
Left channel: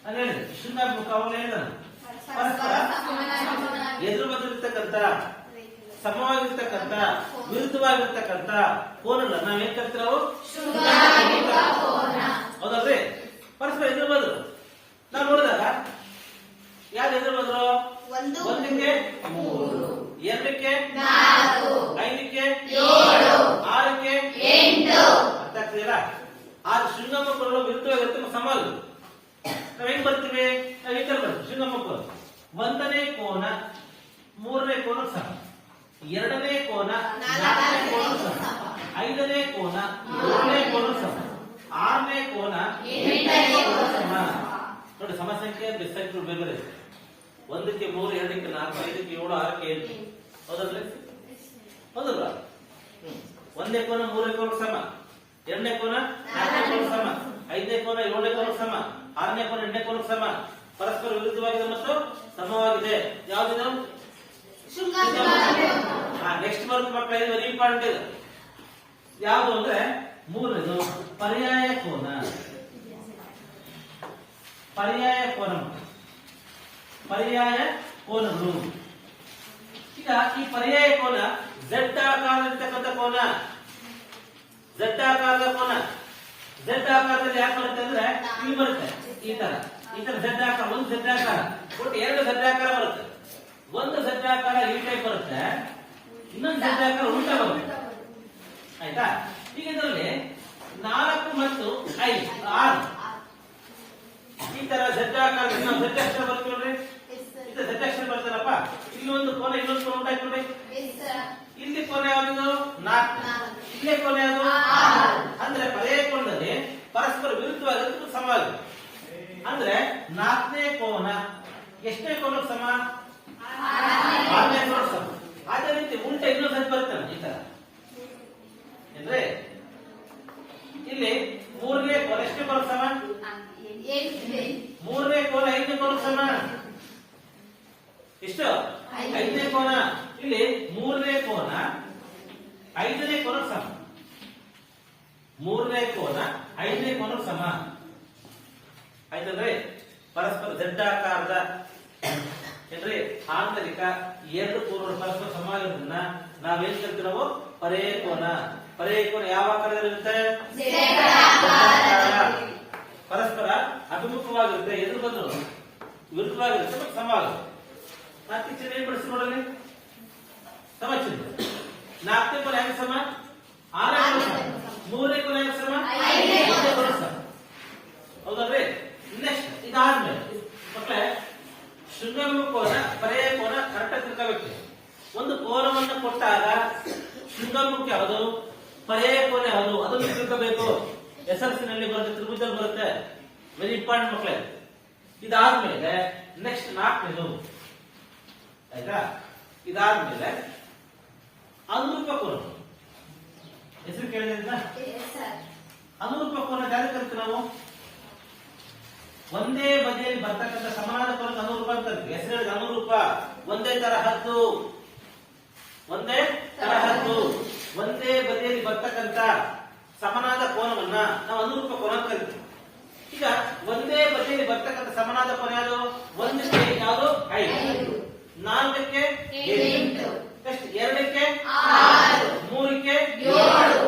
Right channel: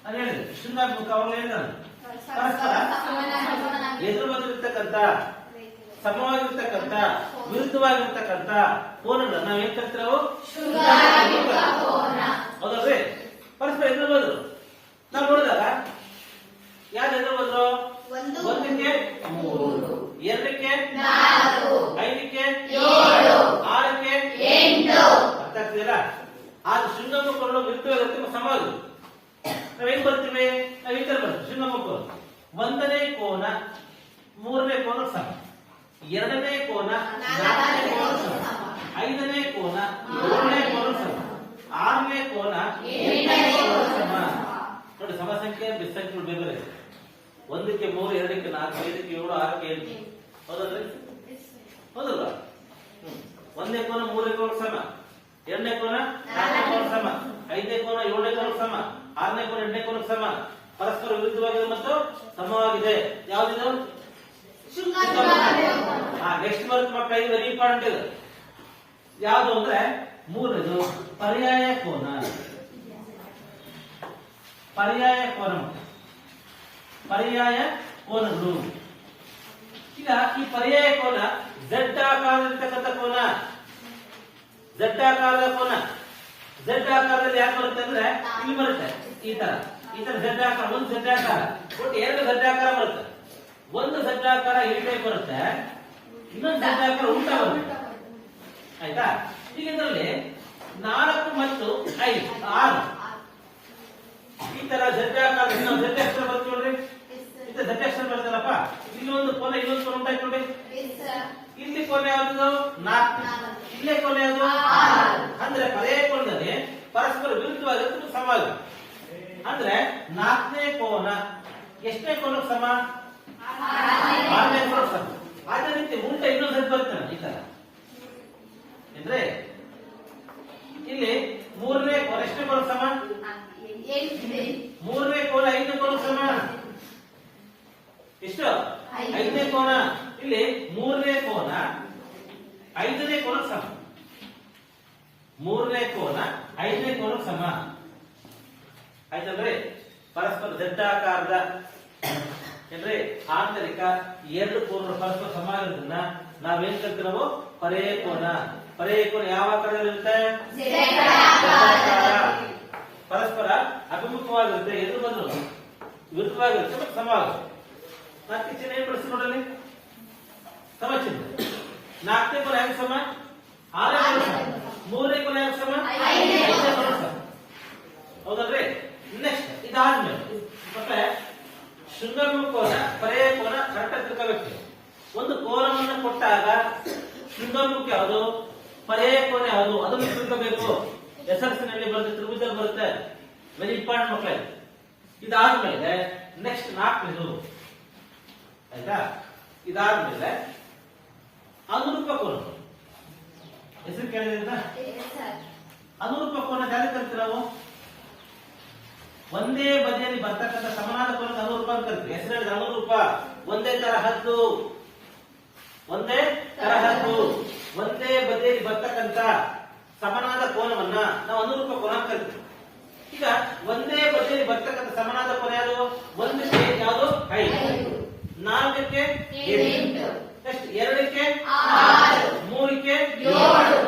ನಾನು ಹೇಳಿದೆ. ಶೃಂಗಾಭಿಮುಖ ಅವನು ಹೇಳಿದ ಪರಸ್ಪರ ಎದುರು ಬದಿರ್ತಕ್ಕಂಥ, ಸಮವಾಗಿರ್ತಕ್ಕಂಥ, ವಿರುದ್ಧವಾಗಿರ್ತಕ್ಕಂಥ ಕೋನಗಳನ್ನ ನಾವೇನ್ ಕರಿತೀವಿ? ನಾವು ಹೌದಲ್ವೇ? ಪರಸ್ಪರ ಎದುರು ಬದ್ರು ನಾವು ನೋಡಿದಾಗ ಯಾರು ಎದುರು ಬದ್ರು? 1ಕ್ಕೆ 3, 2ಕ್ಕೆ 4, 5ಕ್ಕೆ 7, 6ಕ್ಕೆ 8. ಅರ್ಥ ಆಗ್ತಿದೆಯಲ್ಲ? ಆದ್ರೆ ಶೃಂಗಾಭಿಮುಖ ಕೋನಗಳು ವಿರುದ್ಧವಾಗಿರುತ್ತೆ, ಸಮವಾಗಿ ನಾವೇನ್ ಬರ್ತೀವಿ? ನಾವು ಈ ತರ ಬರ್ತೀವಿ. ಶೃಂಗಾಭಿಮುಖ ಕೋನ 1ನೇ ಕೋನ 3ನೇ ಕೋನ ಸಮ, 2ನೇ ಕೋನ 4ನೇ ಕೋನ ಸಮ, 5ನೇ ಕೋನ 7ನೇ ಕೋನ ಸಮ, 6ನೇ ಕೋನ 8ನೇ ಕೋನ ಸಮ. ನೋಡಿ, ಸಮಸಂಖ್ಯೆ ಬೆಸಂಖ್ಯೆಗಳು ಬೇರೆ ಬೇರೆ. 1ಕ್ಕೆ 3, 2ಕ್ಕೆ 4, 5ಕ್ಕೆ 7, 6ಕ್ಕೆ 8. ಹೌದಲ್ರಿ? ಹೌದಲ್ವಾ? ಒಂದನೇ ಕೋನ ಮೂರನೇ ಕೋನ ಸಮ, ಎರಡನೇ ಕೋನ ನಾಲ್ಕನೇ ಕೋನ ಸಮ, ಐದನೇ ಕೋನ ಏಳನೇ ಕೋನ ಸಮ, ಆರನೇ ಕೋನ ಎಂಟನೇ ಕೋನ ಸಮ, ಪರಸ್ಪರ ವಿರುದ್ಧವಾಗಿದೆ ಮತ್ತು ಸಮವಾಗಿದೆ. ಯಾವ್ದಿದು? ನೆಕ್ಸ್ಟ್ ಬರುತ್ತೆ ಮಕ್ಕಳ, ಇದು ವೆರಿ ಇಂಪಾರ್ಟೆಂಟ್ ಇದೆ. ಯಾವುದು ಅಂದ್ರೆ ಮೂರನೇದು ಪರ್ಯಾಯ ಕೋನ. ಪರ್ಯಾಯ ಕೋನ, ಪರ್ಯಾಯ ಕೋನಗಳು. ಈಗ ಈ ಪರ್ಯಾಯ ಕೋನ ಝೆಡ್ ಆಕಾರದಲ್ಲಿರ್ತಕ್ಕಂಥ ಕೋನ, ಝೆಡ್ ಆಕಾರದ ಕೋನ. ಝೆಡ್ ಆಕಾರದಲ್ಲಿ ಯಾಕೆ ಬರುತ್ತೆ ಅಂದ್ರೆ ಇಲ್ಲಿ ಬರುತ್ತೆ ಈ ತರ ಝೆಡ್ ಆಕಾರ, ಒಂದು ಝೆಡ್ ಆಕಾರ, ಒಟ್ಟು ಎರಡು ಝೆಡ್ ಆಕಾರ ಬರುತ್ತೆ. ಒಂದು ಝೆಡ್ ಆಕಾರ ಈ ಟೈಪ್ ಬರುತ್ತೆ, ಇನ್ನೊಂದು ಝೆಡ್ ಆಕಾರ ಉಲ್ಟಾ ಬರುತ್ತೆ. ಆಯ್ತಾ? ಈಗ ಇದರಲ್ಲಿ 4 ಮತ್ತು 5 6 ಈ ತರ ಝೆಡ್ ಆಕಾರ ಝೆಡ್ ಅಕ್ಷರ ಬರುತ್ತೆ ನೋಡ್ರಿ, ಇದು ಝೆಡ್ ಅಕ್ಷರ ಬರ್ತದಪ್ಪ. ಇಲ್ಲೊಂದು ಕೋನ ಇನ್ನೊಂದು ಕೋನ ಉಂಟಾಯ್ತು ನೋಡಿ. ಇಲ್ಲಿ ಕೋನ ಯಾವುದು? 4. ಇಲ್ಲೇ ಕೋನ ಯಾವುದು? 6. ಅಂದ್ರೆ ಪರ್ಯಾಯ ಕೋನದಲ್ಲಿ ಪರಸ್ಪರ ವಿರುದ್ಧವಾಗಿರುತ್ತೆ, ಸಮವಾಗಿದೆ. ಅಂದ್ರೆ 4ನೇ ಕೋನ ಎಷ್ಟನೇ ಕೋನಕ್ಕೆ ಸಮ? 6ನೇ ಕೋನ ಸಮ. ಅದೇ ರೀತಿ ಉಂಟ ಇನ್ನೊಂದು ಝೆಡ್ ಬರುತ್ತೆ ಈ ತರ. ಅಂದ್ರೆ ಇಲ್ಲಿ 3ನೇ ಕೋನ ಎಷ್ಟನೇ ಕೋನ ಸಮ? 3ನೇ ಕೋನ 5ನೇ ಕೋನ ಸಮ. ಎಷ್ಟು? 5ನೇ ಕೋನ. ಇಲ್ಲಿ 3ನೇ ಕೋನ 5ನೇ ಕೋನ ಸಮ. 3ನೇ ಕೋನ 5ನೇ ಕೋನ ಸಮ. ಆಯ್ತಂದ್ರೆ ಪರಸ್ಪರ ಝಡ್ಡಾಕಾರದ ಅಂದ್ರೆ ಆಂತರಿಕ ಎರಡು ಕೋನಗಳು ಪರಸ್ಪರ ಸಮಾನದಿಂದ ನಾವೇನ್ ಕಲ್ತೀವಿ ನಾವು? ಪರ್ಯಾಯ ಕೋನ. ಪರ್ಯಾಯ ಕೋನ ಯಾವ ಆಕಾರದಲ್ಲಿರುತ್ತೆ? ಪರಸ್ಪರ ಅಭಿಮುಖವಾಗಿರುತ್ತೆ, ಎದುರು ಬಂದ್ರು ವಿರುದ್ಧವಾಗಿರುತ್ತೆ ಮತ್ತು ಸಮವಾಗುತ್ತೆ. ನಾಲ್ಕು ಚಿಹ್ನೆ ಏನ್ ಬಳಸಿ ನೋಡಲಿ? ಸಮ ಚಿಹ್ನೆ. 4ನೇ ಕೋನ ಹೆಂಗ್ ಸಮ? 6ನೇ ಕೋನ ಸಮ. 3ನೇ ಕೋನ ಹೆಂಗ್ ಸಮ? 5ನೇ ಕೋನ ಸಮ. ಹೌದಲ್ರಿ? ನೆಕ್ಸ್ಟ್ ಇದಾದ್ಮೇಲೆ ಮತ್ತೆ ಶೃಂಗಮುಖ ಕೋನ, ಪರ್ಯಾಯ ಕೋನ ಕರೆಕ್ಟ್ ತಿಳ್ಕೋಬೇಕು. ಒಂದು ಕೋನವನ್ನು ಕೊಟ್ಟಾಗ ಶೃಂಗಮುಖ ಯಾವುದು, ಪರ್ಯಾಯ ಕೋನ ಯಾವುದು ಅದನ್ನು ತಿಳ್ಕೋಬೇಕು. ಎಸ್ಎಲ್ಸಿನಲ್ಲಿ ಬರುತ್ತೆ, ತ್ರಿಭುಜದಲ್ಲಿ ಬರುತ್ತೆ. ವೆರಿ ಇಂಪಾರ್ಟೆಂಟ್ ಮಕ್ಕಳೇ. ಇದಾದ್ಮೇಲೆ ನೆಕ್ಸ್ಟ್ 4ನೇದು. ಆಯ್ತಾ? ಇದಾದ್ಮೇಲೆ ಅನುರೂಪ ಕೋನ. ಹೆಸರು ಕೇಳಿದ್ರಿಂದ ಅನುರೂಪ ಕೋನ ಯಾರು ಕರಿತೀವಿ ನಾವು? ಒಂದೇ ಬದಿಯಲ್ಲಿ ಬರ್ತಕ್ಕಂಥ ಸಮನಾದ ಕೋನಕ್ಕೆ ಅನುರೂಪ ಅಂತ ಕರಿತೀವಿ. ಹೆಸರು ಅನುರೂಪ. ಒಂದೇ ತರಹದ್ದು, ಒಂದೇ ತರಹದ್ದು, ಒಂದೇ ಬದಿಯಲ್ಲಿ ಬರ್ತಕ್ಕಂಥ ಸಮನಾದ ಕೋನವನ್ನ ನಾವು ಅನುರೂಪ ಕೋನ ಅಂತ ಕರಿತೀವಿ. ಈಗ ಒಂದೇ ಬದಿಯಲ್ಲಿ ಬರ್ತಕ್ಕಂಥ ಸಮನಾದ ಕೋನ ಯಾವುದು? 1ಕ್ಕೆ ಯಾವುದು? 5, 4ಕ್ಕೆ 8, 2ಕ್ಕೆ 6, 3ಕ್ಕೆ 7.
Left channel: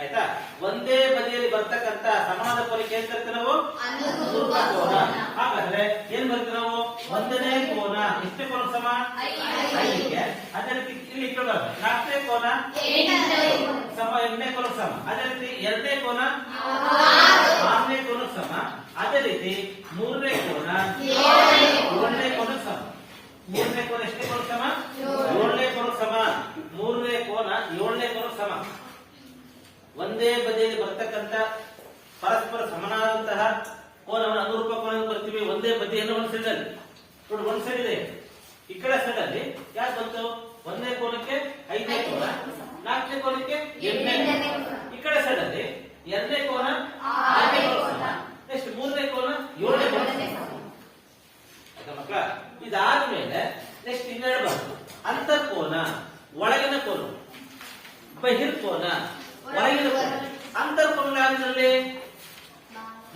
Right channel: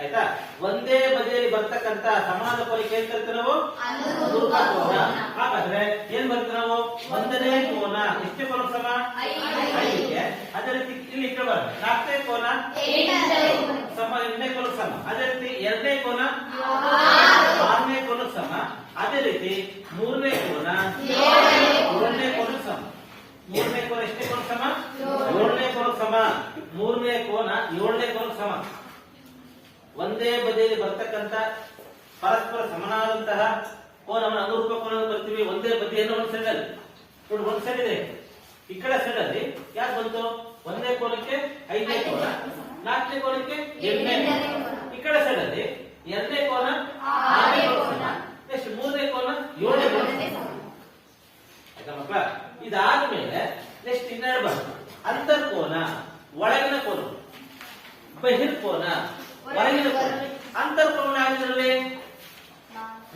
ಆಯ್ತಾ? ಒಂದೇ ಬದಿಯಲ್ಲಿ ಬರ್ತಕ್ಕಂಥ ಸಮಾನ ಕೋನಕ್ಕೆ ಏನ್ ಕರಿತೀವಿ ನಾವು? ಅನುರೂಪ ಕೋನ. ಹಾಗಾದ್ರೆ ಏನ್ ಬರ್ತೀವಿ ನಾವು? 1ನೇ ಕೋನ ಎಷ್ಟೇ ಕೋನ ಸಮ? 5ಕ್ಕೆ. ಅದೇ ರೀತಿ ಇಲ್ಲಿ ಕೇಳೋಣ 4ನೇ ಕೋನ ಸಮ 8ನೇ ಕೋನ ಸಮ. ಅದೇ ರೀತಿ 2ನೇ ಕೋನ 6ನೇ ಕೋನ ಸಮ. ಅದೇ ರೀತಿ 3ನೇ ಕೋನ 7ನೇ ಕೋನ ಸಮ. 3ನೇ ಕೋನ ಎಷ್ಟೇ ಕೋನ ಸಮ? 7ನೇ ಕೋನ ಸಮ. 3ನೇ ಕೋನ 7ನೇ ಕೋನ ಸಮ. ಒಂದೇ ಬದಿಯಲ್ಲಿ ಬರ್ತಕ್ಕಂಥ ಪರಸ್ಪರ ಸಮನಾದಂತಹ ಕೋನವನ್ನು ಅನುರೂಪ ಕೋನ ಬರ್ತೀವಿ. ಒಂದೇ ಬದಿಯನ್ನು ಒಂದು ಸೈಡ್ ಅಲ್ಲಿ ನೋಡಿ, ಒಂದು ಸೈಡ್ ಇದೆ, ಈ ಕಡೆ ಸೈಡ್ ಅಲ್ಲಿ ಯಾಕೆ ಬಂತು? ಒಂದೇ ಕೋನಕ್ಕೆ 5ನೇ ಕೋನ, 4ನೇ ಕೋನಕ್ಕೆ 8ನೇ ಕೋನ. ಈ ಕಡೆ ಸೈಡ್ ಅಲ್ಲಿ 2ನೇ ಕೋನ 6ನೇ ಕೋನ, ನೆಕ್ಸ್ಟ್ 3ನೇ ಕೋನ 7ನೇ ಕೋನ. ಆಯ್ತಾ ಮಕ್ಕಳ? ಇದಾದ್ಮೇಲೆ ನೆಕ್ಸ್ಟ್ ಇನ್ನೆರಡು ಬಂತು. ಅಂತರ್ಕೋನ, ಒಳಗಿನ ಕೋನ. ಬಹಿರ್ಕೋನ, ಹೊರಗಿನ ಕೋನ. ಅಂತರ್ಕೋನ ಯಾವ್ದ್ರಲ್ಲಿ?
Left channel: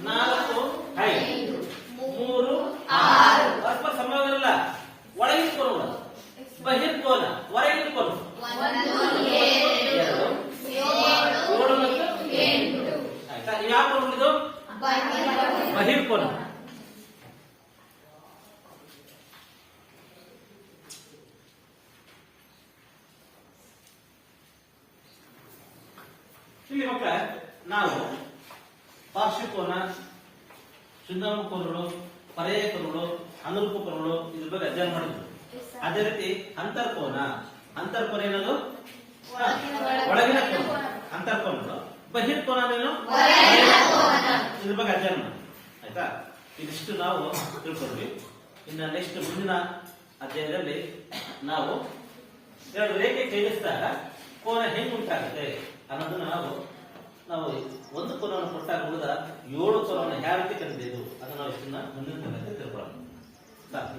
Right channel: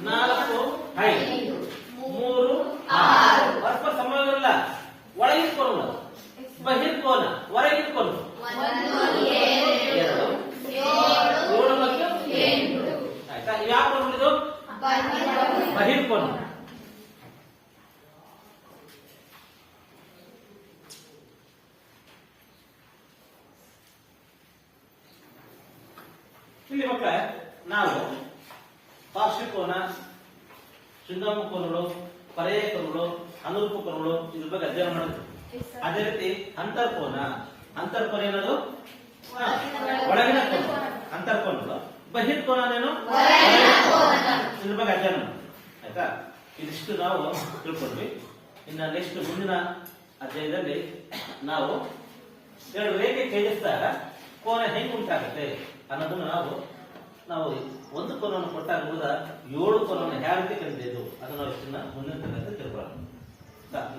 4, 5, 3, 6 ಪರಸ್ಪರ ಸಮವಿರಲ್ಲ. ಒಳಗಿನ ಕೋನ. ಬಹಿರ್ಕೋನ, ಹೊರಗಿನ ಕೋನ 1, 2, 7 ಮತ್ತು 8. ಆಯ್ತಾ? ಯಾವ ಕೋನ ಇದು? ಬಹಿರ್ಕೋನ. ಇಲ್ಲಿ ಮಕ್ಕಳ ನಾವು ಪಾರ್ಶ್ವಕೋನ, ಶೃಂಗಮುಖ ಕೋನಗಳು, ಪರ್ಯಾಯ ಕೋನಗಳು, ಅನುರೂಪ ಕೋನಗಳು ಇದ್ರ ಬಗ್ಗೆ ಅಧ್ಯಯನ ಮಾಡಿದ್ವಿ. ಅದೇ ರೀತಿ ಅಂತರ್ಕೋನ. ಅಂತರ್ಕೋನ ಏನದು? ಒಳಗಿನ ಕೋನ, ಅಂತರ್ಕೋನಗಳು. ಬಹಿರ್ಕೋನ ಏನು? ಇದ್ರ ಬಗ್ಗೆ ಅಧ್ಯಯನ ಮಾಡಿ. ಆಯ್ತಾ? ಇದಿಷ್ಟು ನಾವು ತಿಳ್ಕೊಂಡ್ವಿ. ಇನ್ನು ನೆಕ್ಸ್ಟ್ ಮುಂದಿನ ಅಧ್ಯಾಯದಲ್ಲಿ ನಾವು ಎರಡು ರೇಖೆ ಛೇದಿಸಿದಾಗ ಕೋನ ಹೆಂಗ್ ಉಂಟಾಗುತ್ತೆ ಅನ್ನೋದನ್ನ ನಾವು ಒಂದು ಕೋನವನ್ನು ಕೊಟ್ಟಾಗ ಉಳಿದ 7 ಕೋನವನ್ನು ಯಾವ ರೀತಿ ಕಂಡಿದ್ದು ಅದನ್ನು ನಾವು ಇದನ್ನ ಮುಂದಿನ ತರಗತಿ ತಿಳ್ಕೊಳ್ಳೋಣ. ಸಾಕು.